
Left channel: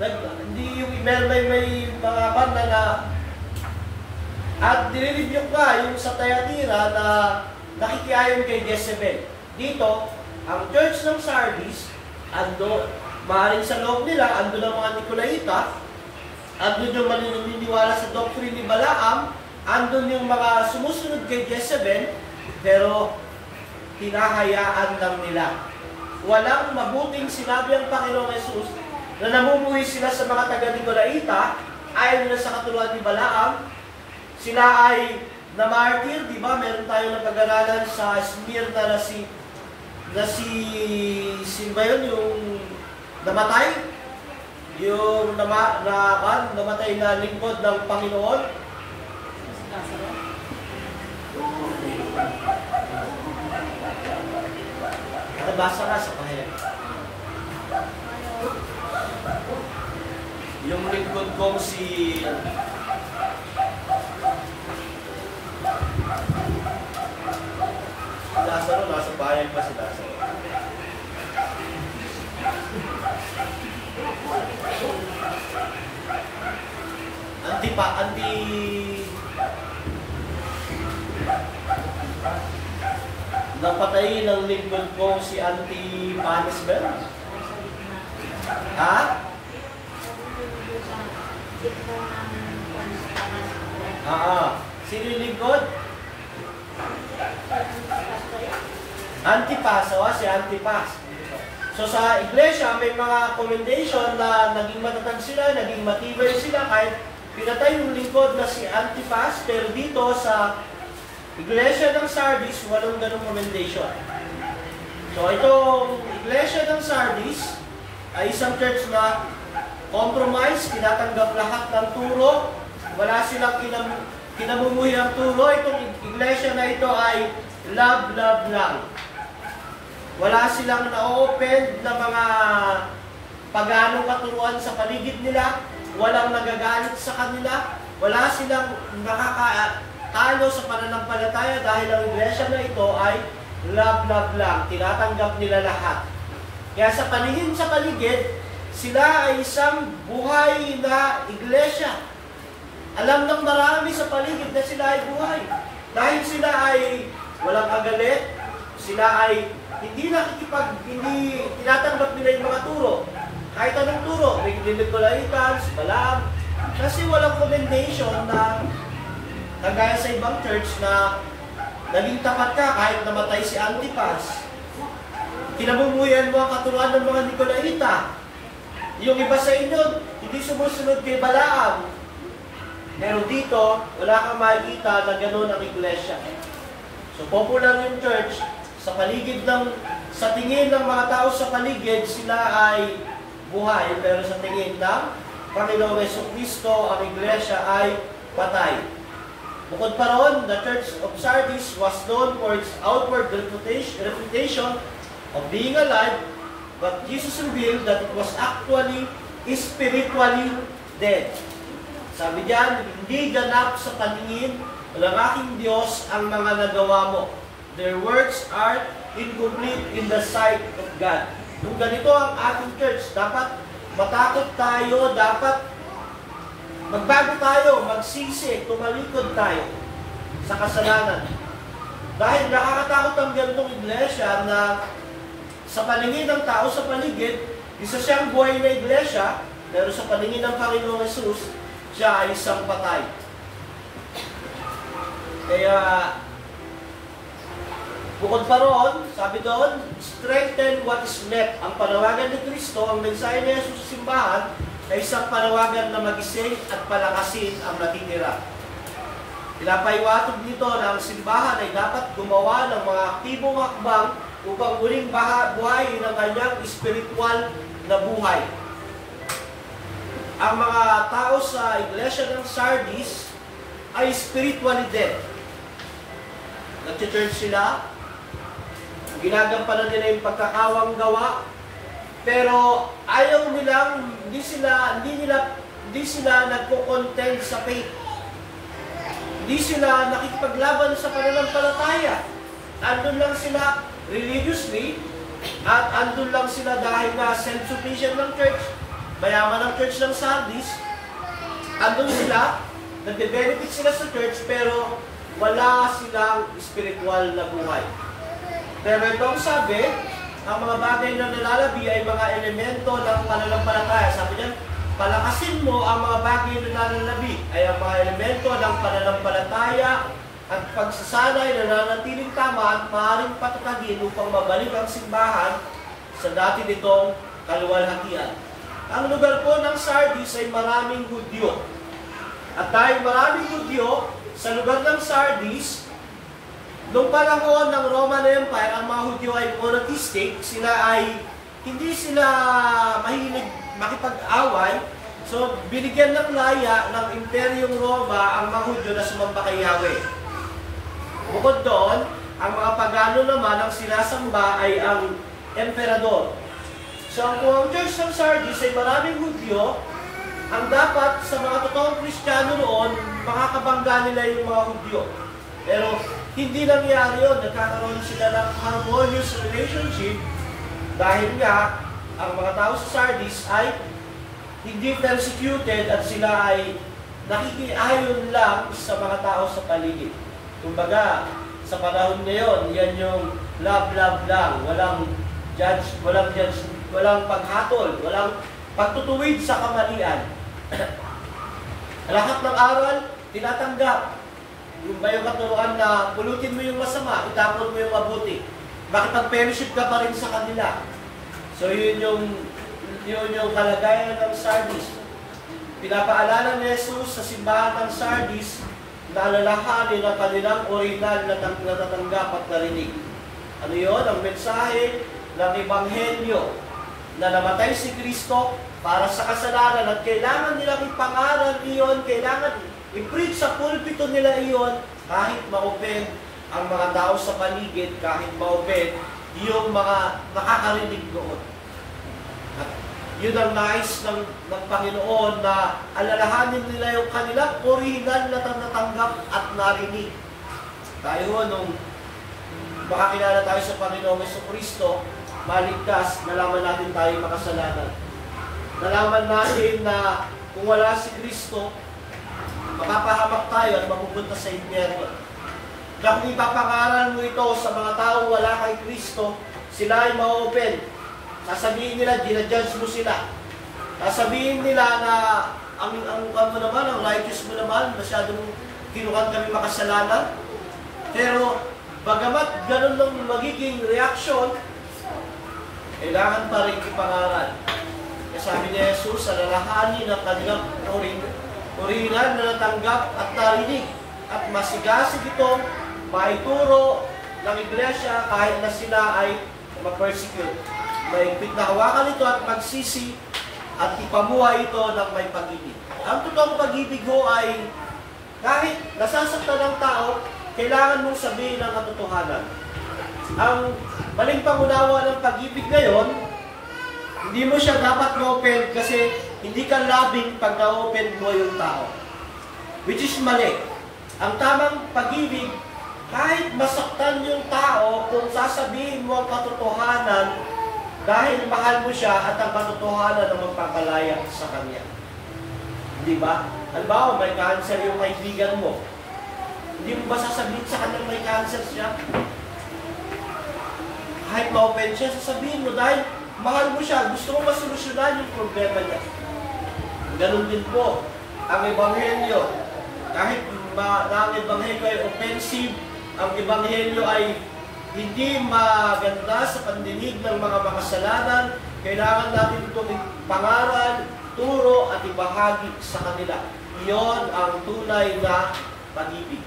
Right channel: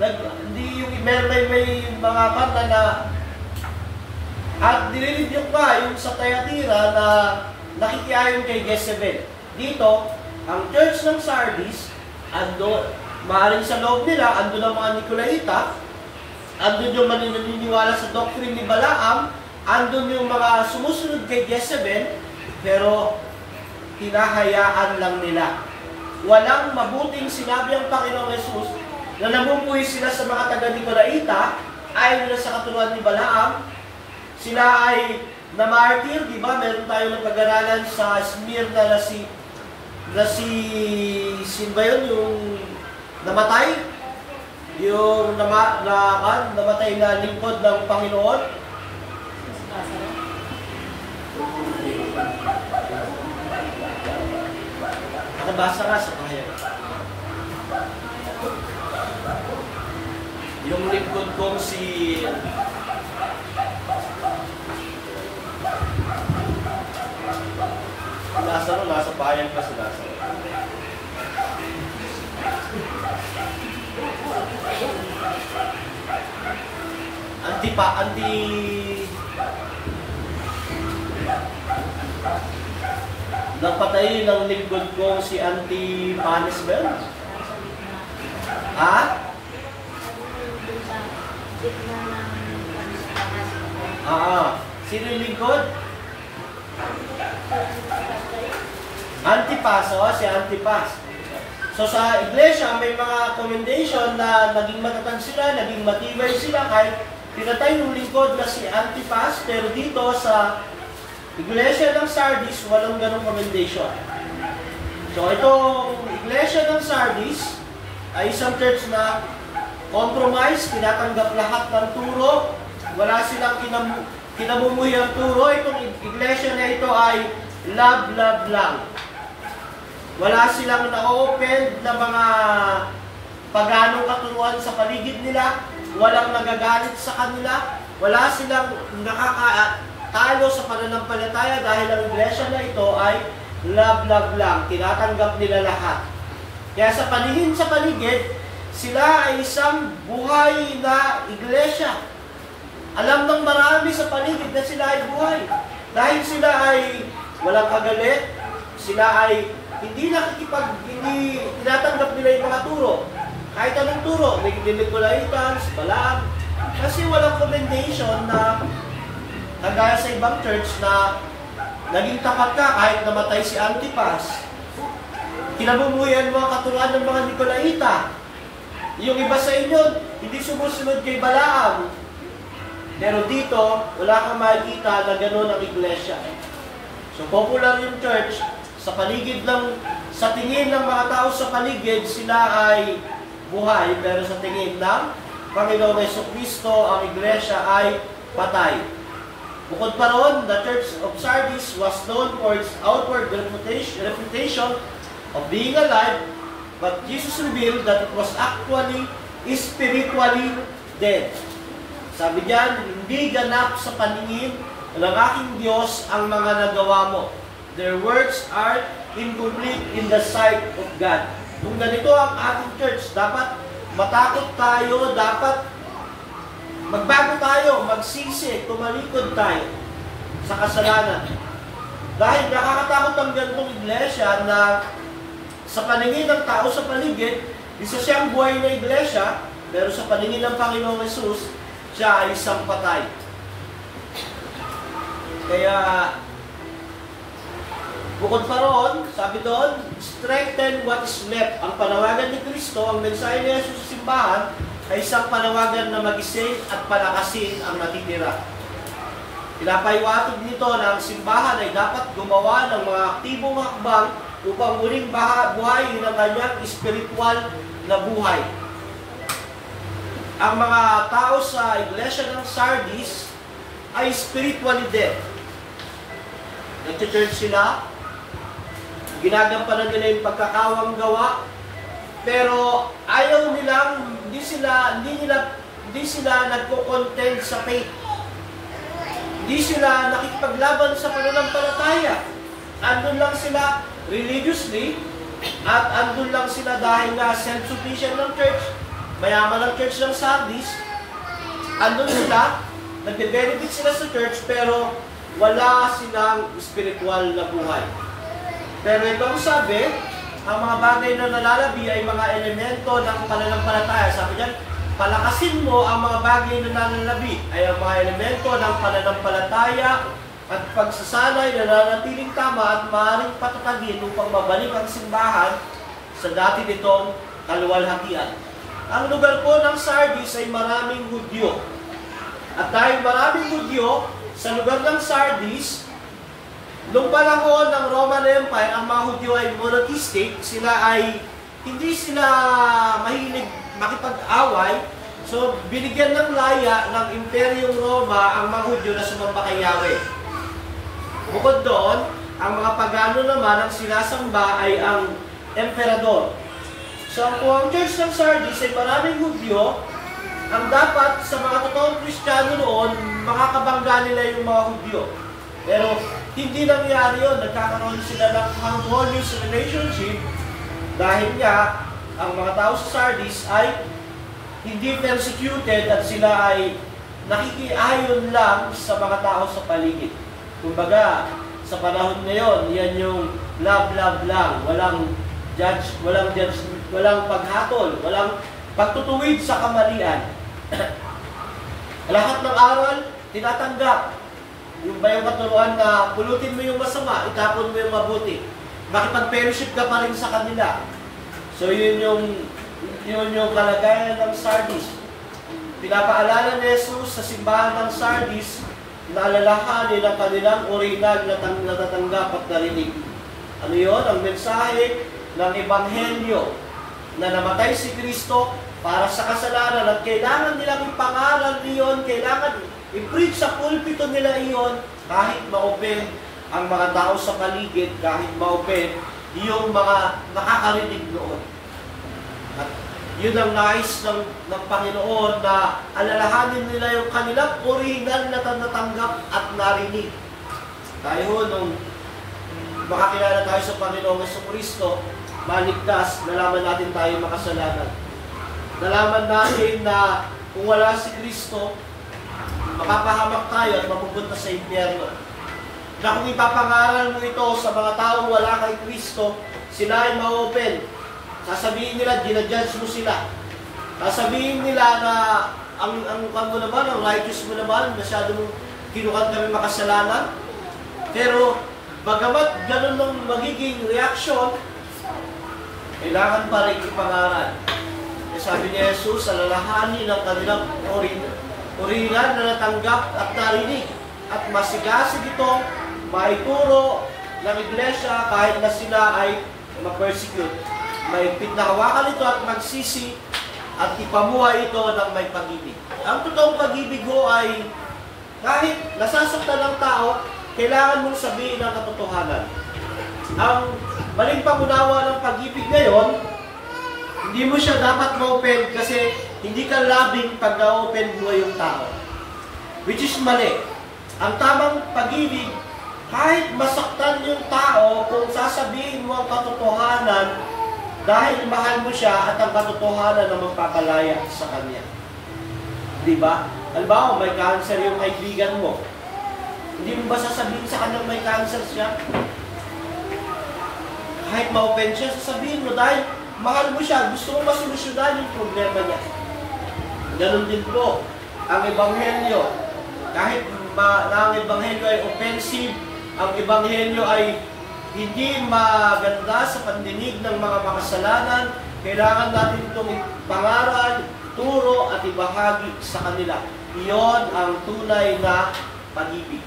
may mga banda na, at nililibyo pa yung sa Thyatira na nakikiayon kay Jezebel. Dito, ang church ng Sardis, andun, maaaring sa loob nila, andun ang mga Nicolaita, andun yung maniniwala sa doctrine ni Balaam, andun yung mga sumusunod kay Jezebel, pero hinahayaan lang nila. Walang mabuting sinabi ang Panginoong Jesus na namumuhay sila sa mga taga-Nicolaita, ayaw nila sa katulad ni Balaam, sila ay namartir, di ba? Meron tayong napag-aralan sa Smyrna na si na sino ba yun? Yung namatay? Yung namatay na lingkod ng Panginoon? Nabasa nga sa pahayag. Yung lingkod kong si Lazaro, nasa pahayag pa si Lazaro. Napatay ng lingkod ko si Antipanes ba? Ha? Sino yung lingkod? Antipas, si Antipas. So sa iglesia, may mga commendation na naging matatag sila, naging matibay sila, kahit pinatay yung lingkod na si Antipas, pero dito sa iglesia ng Sardis, walang ganong commendation. So itong iglesia ng Sardis ay isang church na compromise, tinatanggap lahat ng turo, wala silang kinamumuhi ang turo. Itong iglesia na ito ay love lang. Wala silang na-open na mga paganong katuruan sa paligid nila, walang nagagalit sa kanila, wala silang nakakatalo sa pananampalataya dahil ang iglesia na ito ay love lang. Tinatanggap nila lahat. Kaya sa paningin sa paligid, sila ay isang buhay na iglesia. Alam ng marami sa paligid na sila ay buhay. Dahil sila ay walang kagalit, sila ay hindi tinatanggap nila yung mga turo. Kahit anong turo, may Nicolaitans, Balaam, kasi walang commendation na kagaya sa ibang church na naging tapat ka kahit namatay si Antipas. Kinabumuyan mo ang katuruan ng mga Nicolaita. Yung iba sa inyo, hindi sumusunod kay Balaam. Pero dito, wala kang makikita na gano'n ang iglesia. So popular yung church, sa tingin ng mga tao sa paligid, sila ay buhay, pero sa tingin ng Panginoong Jesucristo, ang iglesia ay patay. Bukod pa roon, the Church of Sardis was known for its outward reputation of being alive, but Jesus revealed that it was actually spiritually dead. Sabi diyan, hindi ganap sa paningin ng aking Diyos ang mga nagawa mo. Their works are incomplete in the sight of God. Kung ganito ang ating church, dapat matakot tayo, dapat magbago tayo, magsisi, tumalikod tayo sa kasalanan. Dahil nakakatakot ang ganitong iglesia na sa paningin ng tao sa paligid, isa siyang buhay na iglesia, pero sa paningin ng Panginoong Jesus, siya ay isang patay. Kaya, bukod pa roon, sabi doon, strengthen what is left. Ang panawagan ni Kristo, ang mensahe ni Jesus sa simbahan, ay isang panawagan na magising at palakasin ang natitira. Pinapaiwatog nito na ang simbahan ay dapat gumawa ng mga aktibong hakbang upang muling buhayin ang kanyang spiritual na buhay. Ang mga tao sa iglesia ng Sardis ay spiritually dead. Nag-church sila, ginagampanan nila yung pagkakawang gawa, pero ayaw nilang, hindi sila nagko-content sa faith. Hindi sila nakikipaglaban sa pananampalataya. Andun lang sila religiously, at andun lang sila dahil na self-sufficient ng church, mayaman ng church ng Sardis. Andun sila, nagbe-benefit sila sa church, pero wala silang spiritual na buhay. Pero ito ang sabi, ang mga bagay na nalalabi ay mga elemento ng pananampalataya. Sabi diyan, palakasin mo ang mga bagay na nalalabi ay ang mga elemento ng pananampalataya at pagsasanay na nanatiling tama at maaaring patatagin upang mabalik ang simbahan sa dati nitong kaluwalhatian. Ang lugar po ng Sardis ay maraming Hudyo. At dahil maraming Hudyo, sa lugar ng Sardis, Noong panahon ng Roman Empire, ang mga Hudyo ay monarchistic, hindi sila mahilig makipag-away. So, binigyan ng laya ng Imperyong Roma ang mga Hudyo na sumamba kay Yahweh. Bukod doon, ang mga pagano naman ang sinasamba ay ang emperador. So, kung ang Church ng Sardis ay maraming Hudyo, ang dapat sa mga totoong Kristiyano noon, makakabangga nila yung mga Hudyo. Pero, hindi nangyari yun. Nagkakaroon sila ng harmonious relationship dahil nga, ang mga tao sa Sardis ay hindi persecuted at sila ay nakikiayon lang sa mga tao sa paligid. Kumbaga, sa panahon ngayon, yan yung love lang. Walang paghatol, walang pagtutuwid sa kamalian. Lahat ng aral, tinatanggap. Yung ba yung katuruan na pulutin mo yung masama, itapon mo yung mabuti. Makipag-fellowship ka pa rin sa kanila. So yun yung kalagayan ng Sardis. Pinapaalala ni Jesus sa simbahan ng Sardis na alalahanin ang kanilang original na natatanggap at narinig. Ano yun? Ang mensahe ng Ebanghelyo na namatay si Kristo para sa kasalanan at kailangan nilang ipangaral iyon, kailangan i-preach sa pulpito nila iyon kahit ma-open ang mga tao sa paligid, kahit ma-open yung mga nakakarinig noon. At yun ang nais ng Panginoon na alalahanin nila yung kanilang original na natanggap at narinig. Tayo nung makakilala tayo sa Panginoong Jesucristo, maligtas, nalaman natin tayo makasalanan. Nalaman natin na kung wala si Kristo, mapapahamak tayo at mapupunta sa impyerno. Na kung ipapangaral mo ito sa mga taong wala kay Kristo, sila ay ma-open. Sasabihin nila, ginajudge mo sila. Sasabihin nila na ang mo naman, ang righteous mo naman, masyado mong kinukat kami makasalanan. Pero, bagamat ganun ng magiging reaksyon, kailangan pa rin ipangaral. Sabi ni Jesus, alalahanin ang kanilang original na natanggap at narinig at masigasig itong maituro ng iglesia kahit na sila ay ma-persecute. Maigpit na hawakan ito at magsisi at ipamuhay ito ng may pag-ibig. Ang totoong pag-ibig ho ay kahit nasasaktan ng tao, kailangan mong sabihin ang katotohanan. Ang maling pangunawa ng pag-ibig ngayon, hindi mo siya dapat ma-open kasi hindi ka labing pag na-open mo yung tao. Which is mali. Ang tamang pag-ibig, kahit masaktan yung tao, kung sasabihin mo ang katotohanan, dahil mahal mo siya at ang katotohanan na magpapalaya sa kanya. Di ba? Halimbawa, may cancer yung kaibigan mo. Hindi mo ba sasabihin sa kanya may cancer siya? Kahit ma-open siya, sasabihin mo dahil mahal mo siya, gusto mo masolusyonan yung problema niya. Ganun din po ang Ebanghelyo. Kahit na ang Ebanghelyo ay offensive, ang Ebanghelyo ay hindi maganda sa pandinig ng mga makasalanan, kailangan natin itong pangaral, turo at ibahagi sa kanila. Iyon ang tunay na pag-ibig.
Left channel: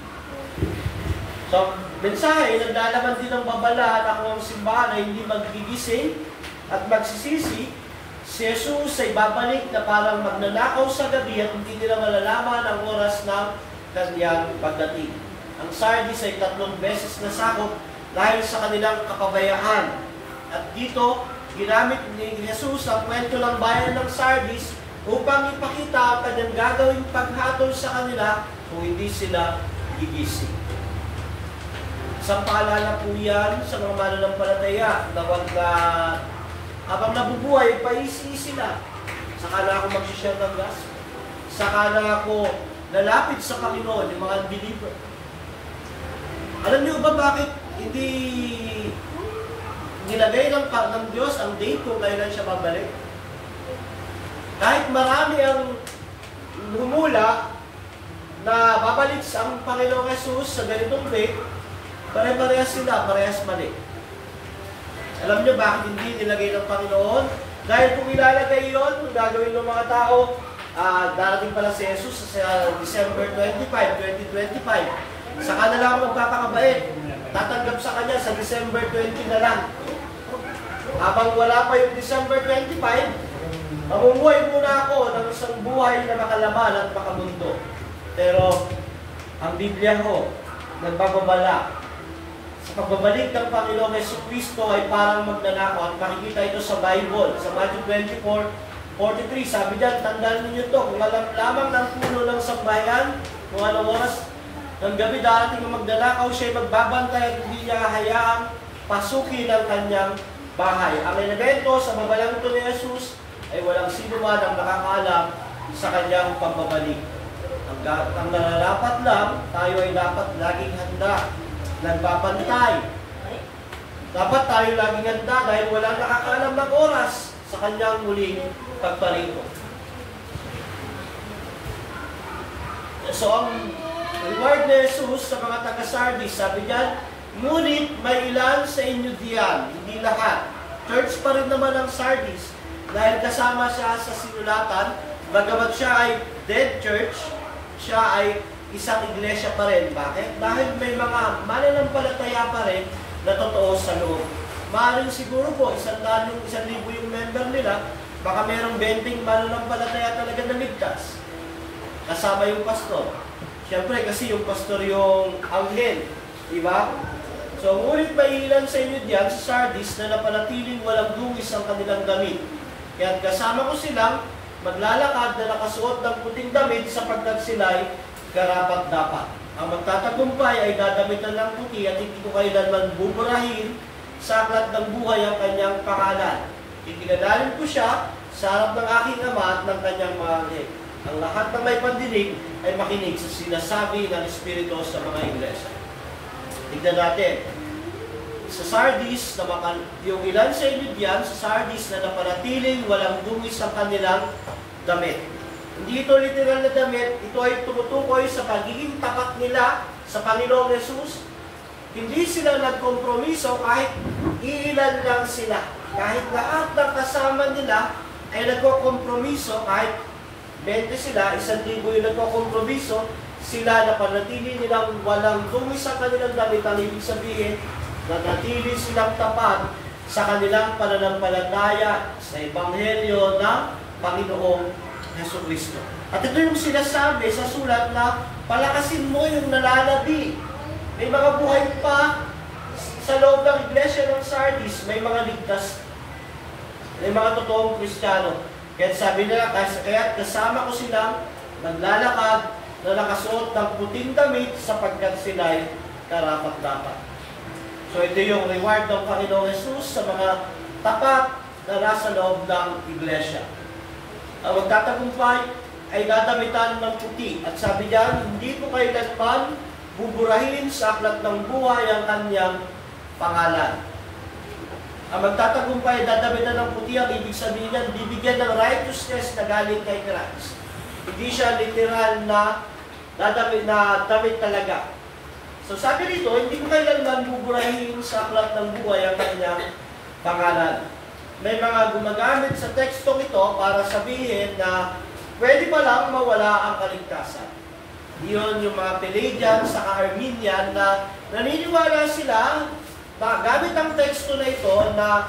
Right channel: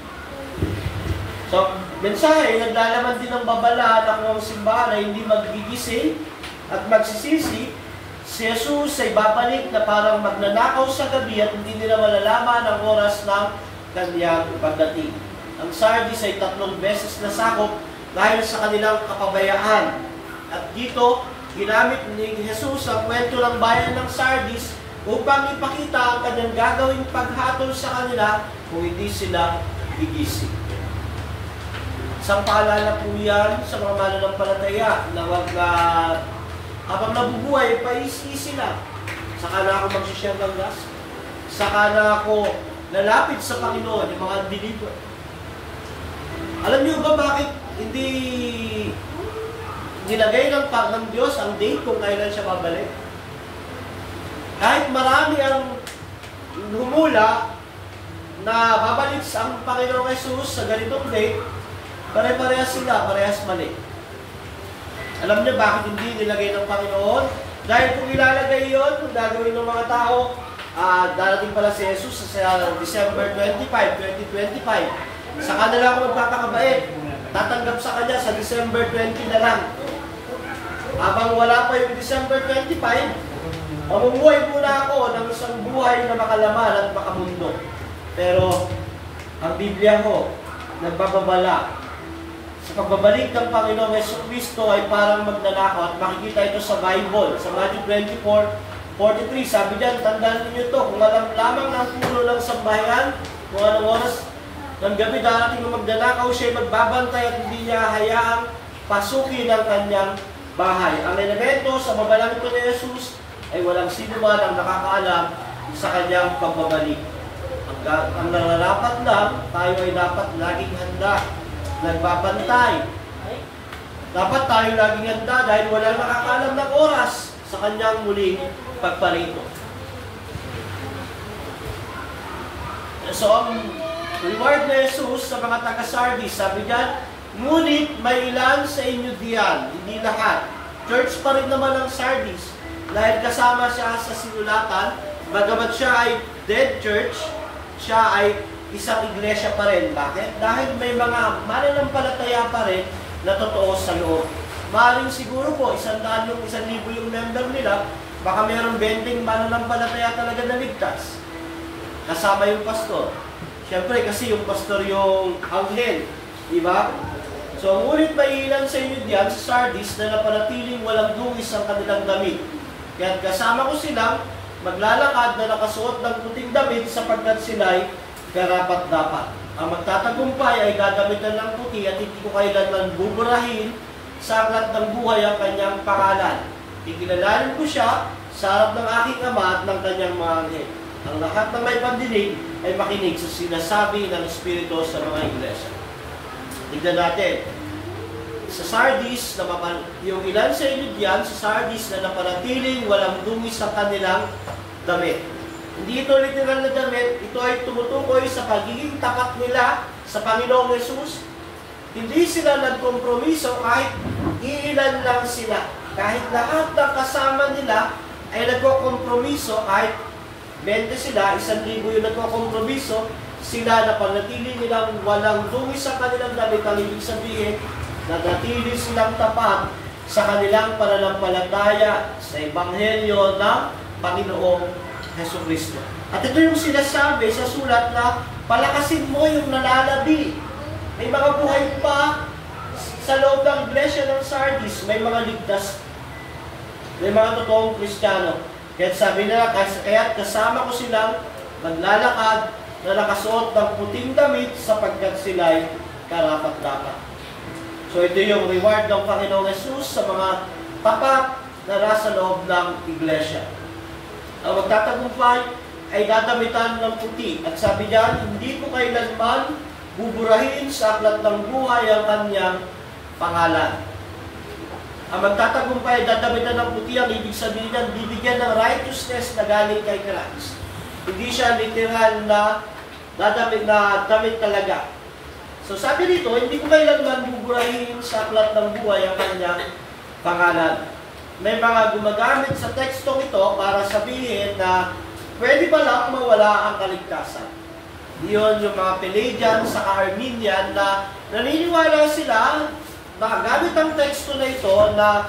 So, mensahe, naglalaman din ng babala na kung ang simbahan ay hindi magigising at magsisisi, si Jesus ay babalik na parang magnanakaw sa gabi at hindi nila malalaman ang oras ng kanyang pagdating. Ang Sardis ay 3 beses nasakop dahil sa kanilang kapabayaan. At dito, ginamit ni Jesus ang kwento ng bayan ng Sardis upang ipakita ang kanyang gagawing paghatol sa kanila kung hindi sila gigising. Isang paalala po yan sa mga mananampalataya na wag habang nabubuhay, paisi-isi lang. Saka na ako mag-share ng gospel. Saka na ako lalapit sa Panginoon, yung mga unbeliever. Alam niyo ba bakit hindi nilagay ng Diyos ang date kung kailan siya babalik? Kahit marami ang humula na babalik sa Panginoong Jesus sa ganitong date, pare-parehas sila, parehas mali. Alam niyo bakit hindi nilagay ng Panginoon? Dahil kung ilalagay yon, kung gagawin ng mga tao, darating pala si Jesus sa December 25, 2025. Saka na lang ako magpapakabait. tatanggap sa kanya sa December 20 na lang. Habang wala pa yung December 25, mamumuhay muna ako ng isang buhay na makalaman at makamundo. Pero ang Biblia ko, nagbababala. Sa pagbabalik ng Panginoong Jesucristo ay parang magnanakaw at makikita ito sa Bible. Sa Matthew 24:43, sabi diyan, tandaan niyo ito, kung alam lamang ng puno ng sambahayan, kung anong oras ng gabi darating ang magnanakaw, siya ay magbabantay at hindi niya hayaang pasukin ang kanyang bahay. Ang elemento sa babalang ito ni Jesus ay walang sino man ang nakakaalam sa kanyang pagbabalik. Ang nararapat lang, tayo ay dapat laging handa, nagbabantay. Dapat tayo laging handa dahil walang nakakaalam ng oras sa kanyang muling pagparito. So, ang reward ni Jesus sa mga taga-Sardis, sabi diyan, ngunit may ilan sa inyo diyan, hindi lahat. Church pa rin naman ang Sardis. Dahil kasama siya sa sinulatan, bagamat siya ay dead church, siya ay isang iglesia pa rin. Bakit? Dahil may mga mananampalataya pa rin na totoo sa loob. Maaaring siguro po, 1,000 yung 1,000 yung member nila, baka mayroong 20 mananampalataya talaga na ligtas. Kasama yung pastor. Siyempre, kasi yung pastor yung anghel. Diba? So, ngunit may ilan sa inyo diyan sa Sardis na napanatiling walang dungis ang kanilang damit. Kaya kasama ko silang maglalakad na nakasuot ng puting damit sapagkat sila'y karapat-dapat. Ang magtatagumpay ay dadamitan ng puti at hindi ko kailanman buburahin sa aklat ng buhay ang kanyang pangalan. Ikinalanin ko siya sa harap ng aking ama at ng kanyang mga anghel. Ang lahat ng may pandinig ay makinig sa sinasabi ng Espiritu sa mga iglesia. Tignan natin. Sa Sardis, yung ilan sa inyo diyan, sa Sardis na napanatiling walang dungis ang kanilang damit. Hindi ito literal na damit, ito ay tumutukoy sa pagiging tapat nila sa Panginoong Yesus. Hindi sila nagkompromiso kahit iilan lang sila. Kahit lahat ng kasama nila ay nagkokompromiso, kahit 20 sila, 1,000 yung nagkokompromiso, sila na panatili nilang walang dungis sa kanilang damit. Ang ibig sabihin, nanatili silang tapat sa kanilang pananampalataya sa Ebanghelyo ng Panginoong Jesucristo. At ito yung sinasabi sa sulat na palakasin mo yung nalalabi. May mga buhay pa sa loob ng iglesia ng Sardis, may mga ligtas, may mga totoong Kristiyano. Kaya sabi nila, kaya kasama ko silang naglalakad na nakasuot ng puting damit sapagkat sila'y karapat-dapat. So ito yung reward ng Panginoong Jesus sa mga tapat na nasa loob ng iglesia. Ang magtatagumpay ay dadamitan ng puti. At sabi diyan, hindi ko kailanman buburahin sa aklat ng buhay ang kanyang pangalan. Ang magtatagumpay ay dadamitan ng puti. Ang ibig sabihin ng bibigyan ng righteousness na galing kay Christ. Hindi siya literal na damit talaga. So sabi dito, hindi ko kailanman buburahin sa aklat ng buhay ang kanyang pangalan. May mga gumagamit sa tekstong ito para sabihin na pwede pa lang mawala ang kaligtasan. Iyon yung mga Pelagian sa Arminian na naniniwala sila na gamit ang teksto na ito na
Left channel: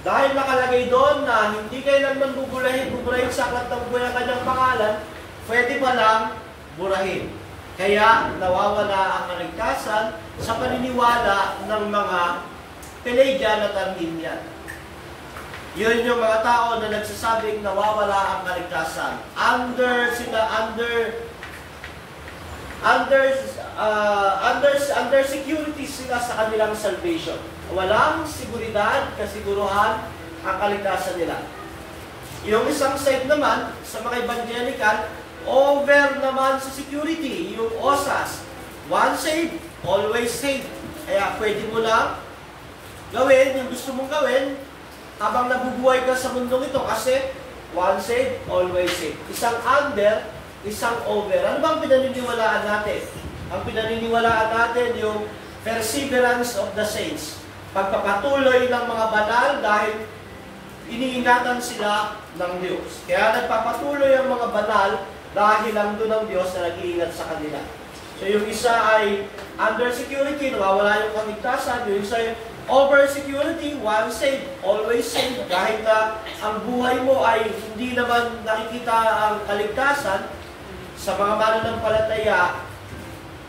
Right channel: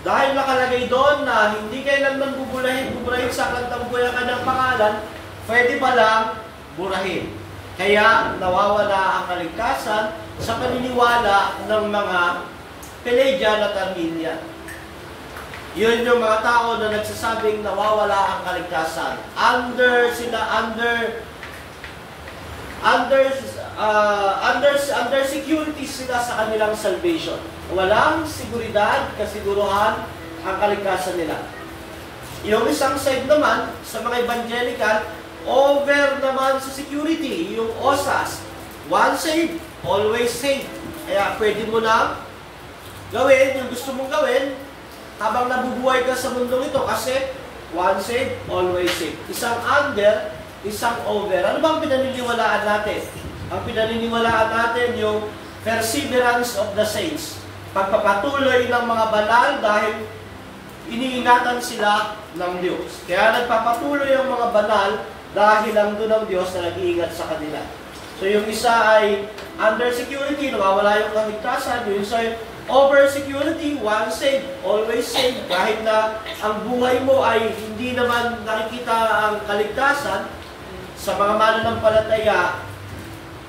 dahil nakalagay doon na hindi kailanman buburahin sa aklat ng buhay ang kanyang pangalan, pwede pa lang burahin. Kaya nawawala ang kaligtasan sa paniniwala ng mga Pelagian at Arminian. Yun yung mga tao na nagsasabing nawawala ang kaligtasan. Under security sila sa kanilang salvation. Walang seguridad, kasiguruhan ang kaligtasan nila. Yung isang side naman, sa mga evangelical, over naman sa security, yung OSAS. Once saved, always saved. Kaya pwede mo lang gawin yung gusto mong gawin habang nabubuhay ka sa mundong ito kasi once saved, always saved. Isang under, isang over. Ano bang pinaniniwalaan natin? Ang pinaniniwalaan natin yung perseverance of the saints. Pagpapatuloy ng mga banal dahil iniingatan sila ng Diyos. Kaya nagpapatuloy ang mga banal dahil lang doon ang Diyos na nag-iingat sa kanila. So yung isa ay under security, nawawala yung kaligtasan. Yung isa ay over security, once saved, always saved. Kahit na ang buhay mo ay hindi naman nakikita ang kaligtasan, sa mga mananampalataya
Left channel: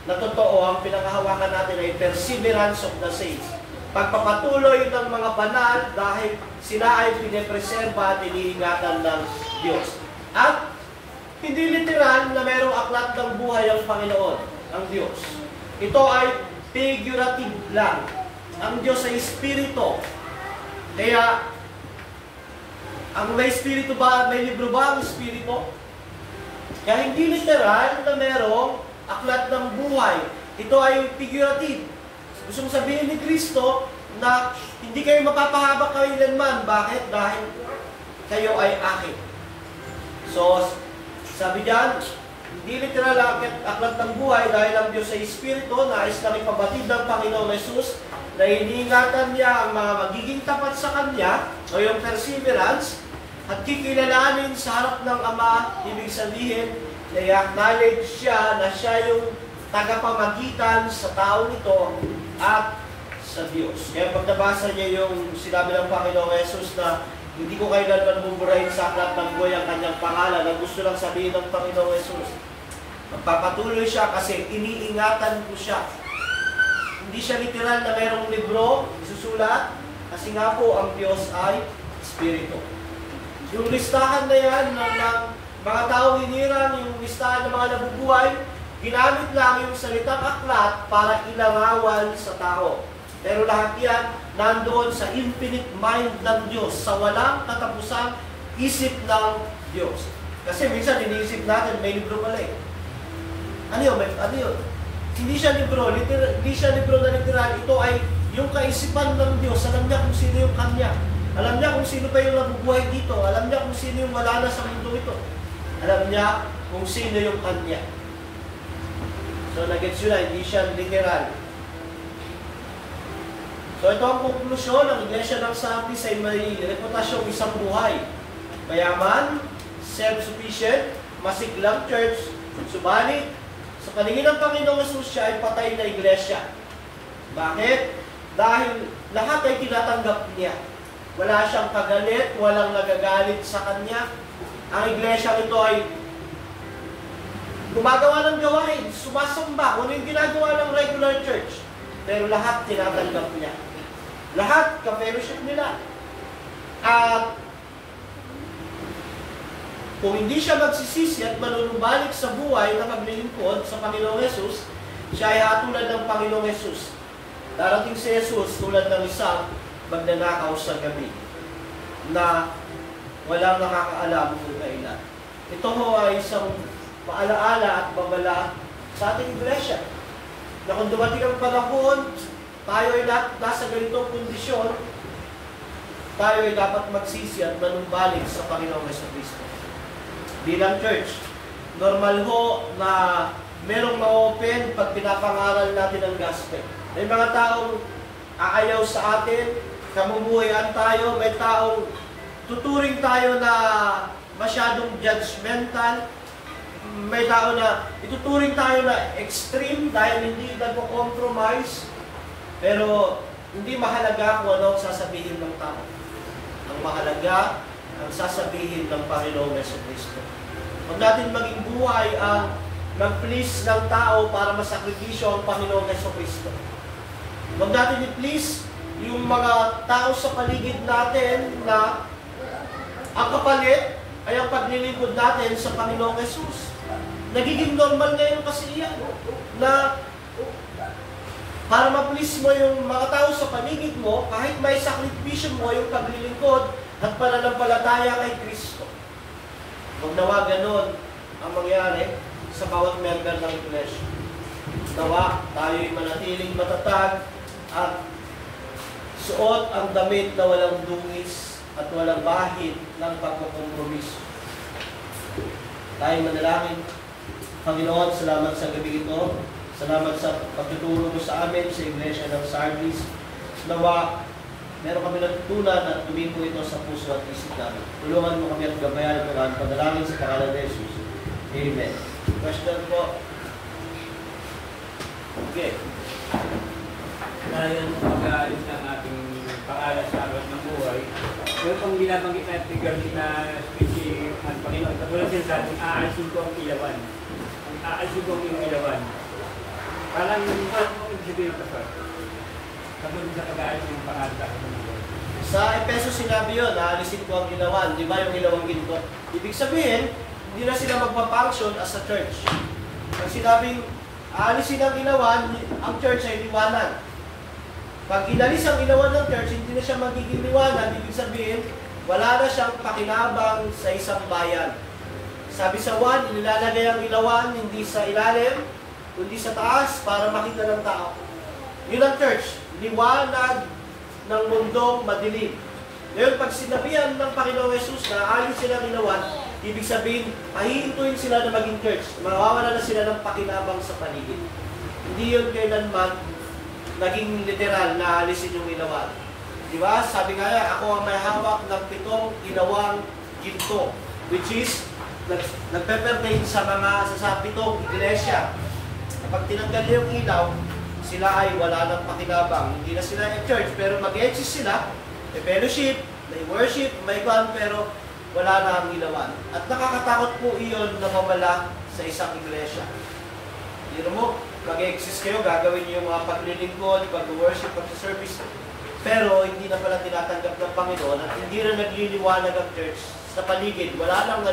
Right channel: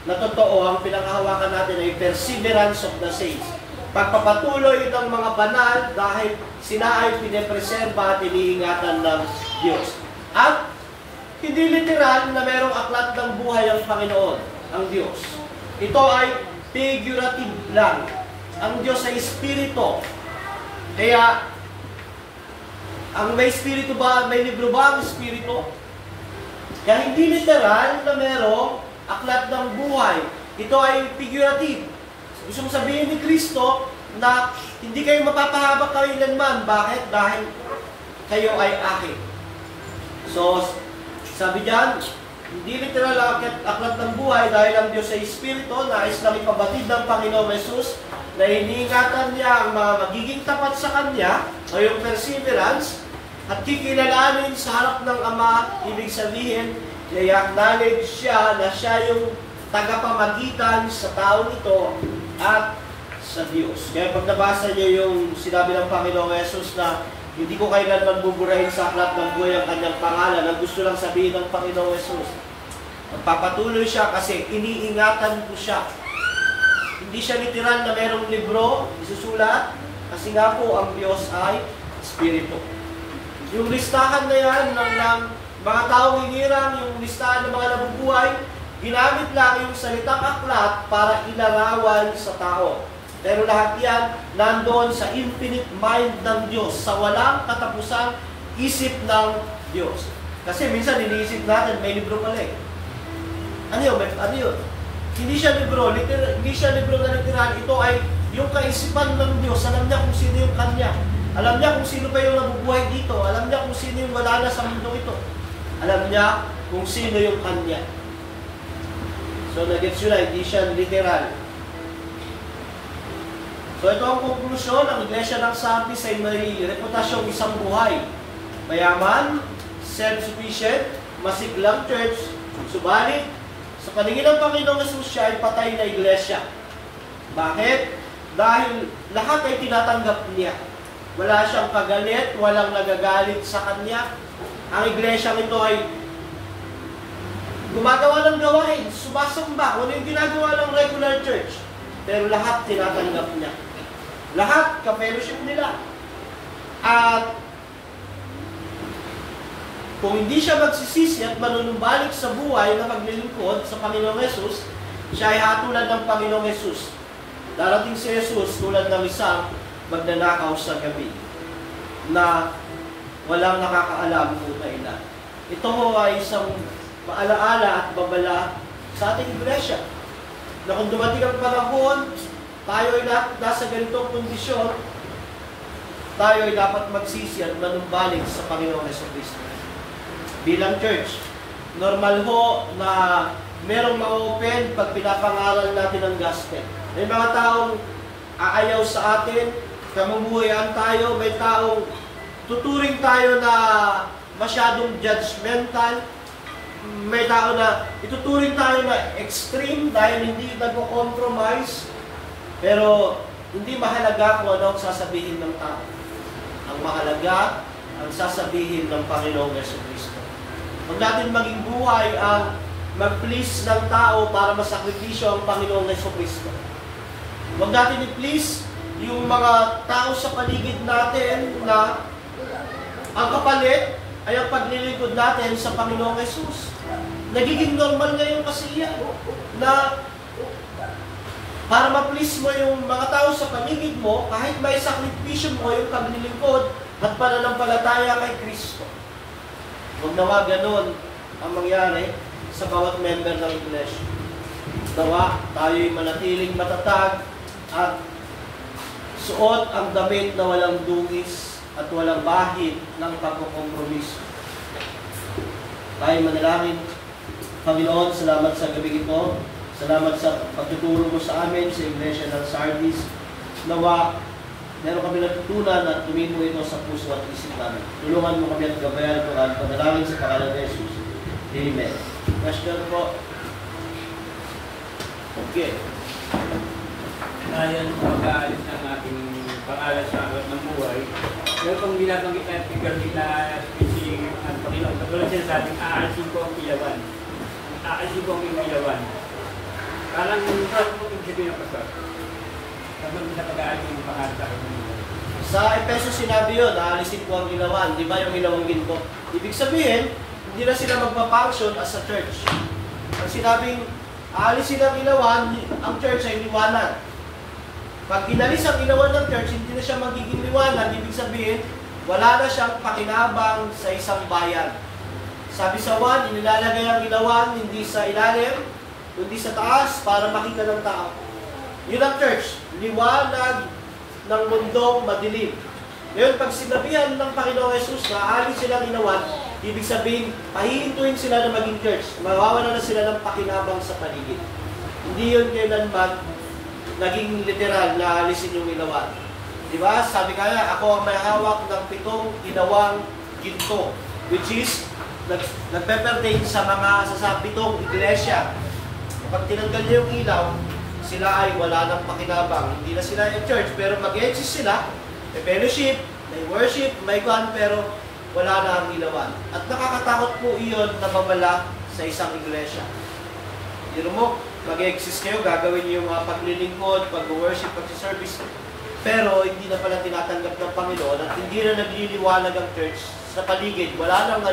na totoo, ang pinanghahawakan natin ay perseverance of the saints. Pagpapatuloy ng mga banal dahil sila ay pinepreserba at iniingatan ng Diyos. At hindi literal na mayroong aklat ng buhay ang Panginoon, ang Diyos. Ito ay figurative lang. Ang Diyos ay Espiritu. Kaya, ang may Espiritu ba, may libro ba ang Espiritu? Kaya hindi literal na mayroong aklat ng buhay. Ito ay figurative. Gustong sabihin ni Kristo na hindi kayo mapapahaba kailanman. Bakit? Dahil kayo ay akin. So, sabi diyan, hindi literal ang aklat ng buhay dahil ang Diyos ay Espiritu, nais lang ipabatid ng Panginoong Jesus na iniingatan niya ang mga magiging tapat sa Kanya o yung perseverance at kikilalanin sa harap ng Ama. Ibig sabihin, i-acknowledge siya na siya yung tagapamagitan sa tao ito at sa Diyos. Kaya pag nabasa niya yung sinabi ng Panginoong Jesus na hindi ko kailanman buburahin sa aklat ng buhay ang kanyang pangalan, na gusto lang sabihin ng Panginoong Jesus, magpapatuloy siya kasi iniingatan ko siya. Hindi siya literal na mayroong libro, isusulat, kasi nga po ang Diyos ay Espiritu. Yung listahan na yan ng mga taong hinirang, yung listahan ng mga nabubuhay, ginamit lang yung salitang aklat para ilarawan sa tao. Pero lahat yan nandoon sa infinite mind ng Diyos, sa walang katapusang isip ng Diyos. Kasi minsan iniisip natin, may libro pala eh. Ano yun? Ano yun? Hindi siya libro, hindi siya libro na literal. Ito ay yung kaisipan ng Diyos. Alam niya kung sino yung Kanya. Alam niya kung sino pa yung nabubuhay dito. Alam niya kung sino yung wala na sa mundo ito. Alam niya kung sino yung Kanya. So, nag-gets yun na, hindi siya literal. So, ito ang konklusyon. Ang Iglesia ng Sardis ay may reputasyong isang buhay. Mayaman, self-sufficient, masiglang church. Subalit, sa paningin ng Panginoong Jesus, siya ay patay na iglesia. Bakit? Dahil lahat ay tinatanggap niya. Wala siyang kagalit, walang nagagalit sa kanya. Ang iglesia ito ay gumagawa ng gawain, sumasamba. Ano yung ginagawa ng regular church? Pero lahat tinatanggap niya. Lahat, ka-fellowship nila. At kung hindi siya magsisisi at manunumbalik sa buhay na maglilingkod sa Panginoong Jesus, siya ay hatulan ng Panginoong Jesus. Darating si Jesus tulad ng isang magnanakaw sa gabi na walang nakakaalam kung kailan. Ito ho ay isang paalaala at babala sa ating iglesia na kung dumating ang panahon, tayo ay nasa ganitong kondisyon, tayo ay dapat magsisi at manumbalik sa Panginoong Jesucristo. Bilang church, normal ho na merong mga open pag pinapangaral natin ang gospel. May mga taong aayaw sa atin, kamumuhayan tayo, may taong tuturing tayo na masyadong judgmental, may tao na ituturing tayo na extreme dahil hindi nag-compromise, pero hindi mahalaga kung ano ang sasabihin ng tao. Ang mahalaga ang sasabihin ng Panginoong Jesucristo. Huwag natin maging buhay ang mag-please ng tao para masakripisyo ang Panginoong Jesucristo. Huwag natin i-please yung mga tao sa paligid natin na ang kapalit ay ang paglilingkod natin sa Panginoong Jesus. Nagiging normal ngayon kasi yan na para ma-please mo yung mga tao sa paligid mo, kahit may sakripisyo mo yung paglilingkod at pananampalataya kay Kristo. Huwag nawa ganun ang mangyari sa bawat member ng iglesia. Nawa tayo'y manatiling matatag at suot ang damit na walang dungis at walang bahid ng pagkukompromiso. Tayo manalangin. Panginoon, salamat sa gabi ito. Salamat sa pagtuturo mo sa amin sa Iglesia ng Sardis. Nawa, meron kami natutunan at tumipo ito sa puso at isip namin. Tulungan mo kami at gabayan ito at panalangin sa pangalan ni Jesus. Amen. Question po? Sige. Dahil mag-aalis ng ating pangalan sa alat ng buhay, yung pang binabanggit na figure na species ng Panginoon, katulad sila sa ating aalisin ko ang ilawan. Aalisin ko ang iyong ilawan. Parang yung sabihin ko sa katulad sa pag-aalis ng pangalan sa alat ng buhay. Sa Epeso sinabi yun, aalisin ko ang ilawan. Di ba yung ilawang ginto? Ibig sabihin, hindi na sila magpa-function as a church. Pag sinabing aalisin ang ilawan, ang church ay liwanag. Pag inalis ang ilawan ng church, hindi na siya magiging liwanag. Ibig sabihin, wala na siyang pakinabang sa isang bayan. Sabi sa 1, inilalagay ang ilawan hindi sa ilalim, kundi sa taas para makita ng tao. Yun ang church, liwanag ng mundong madilim. Ngayon, pag sinabihan ng Panginoong Jesus na alis silang ilawan, ibig sabihin, pahihintuin sila na maging church. Mawawala na sila ng pakinabang sa paligid. Hindi yun kailanman naging literal na alisin yung ilawan. Di ba? Sabi kaya, ako ang may hawak ng 7 ilawang ginto, which is, nagpe-pertain sa mga sa 7 iglesia. Kapag tinanggal niya yung ilaw, sila ay wala ng pakinabang. Hindi na sila in church, pero mag-exist sila. May fellowship, may worship, may God, pero wala na ang ilawan. At nakakatakot po iyon na mawala sa isang iglesia. Yun mo, mag-exist kayo, gagawin niyo yung mga paglilingkod, pag-worship, pag-service. Pero hindi na pala tinatanggap ng Panginoon at hindi na nagliliwanag ang church sa paligid. Wala nang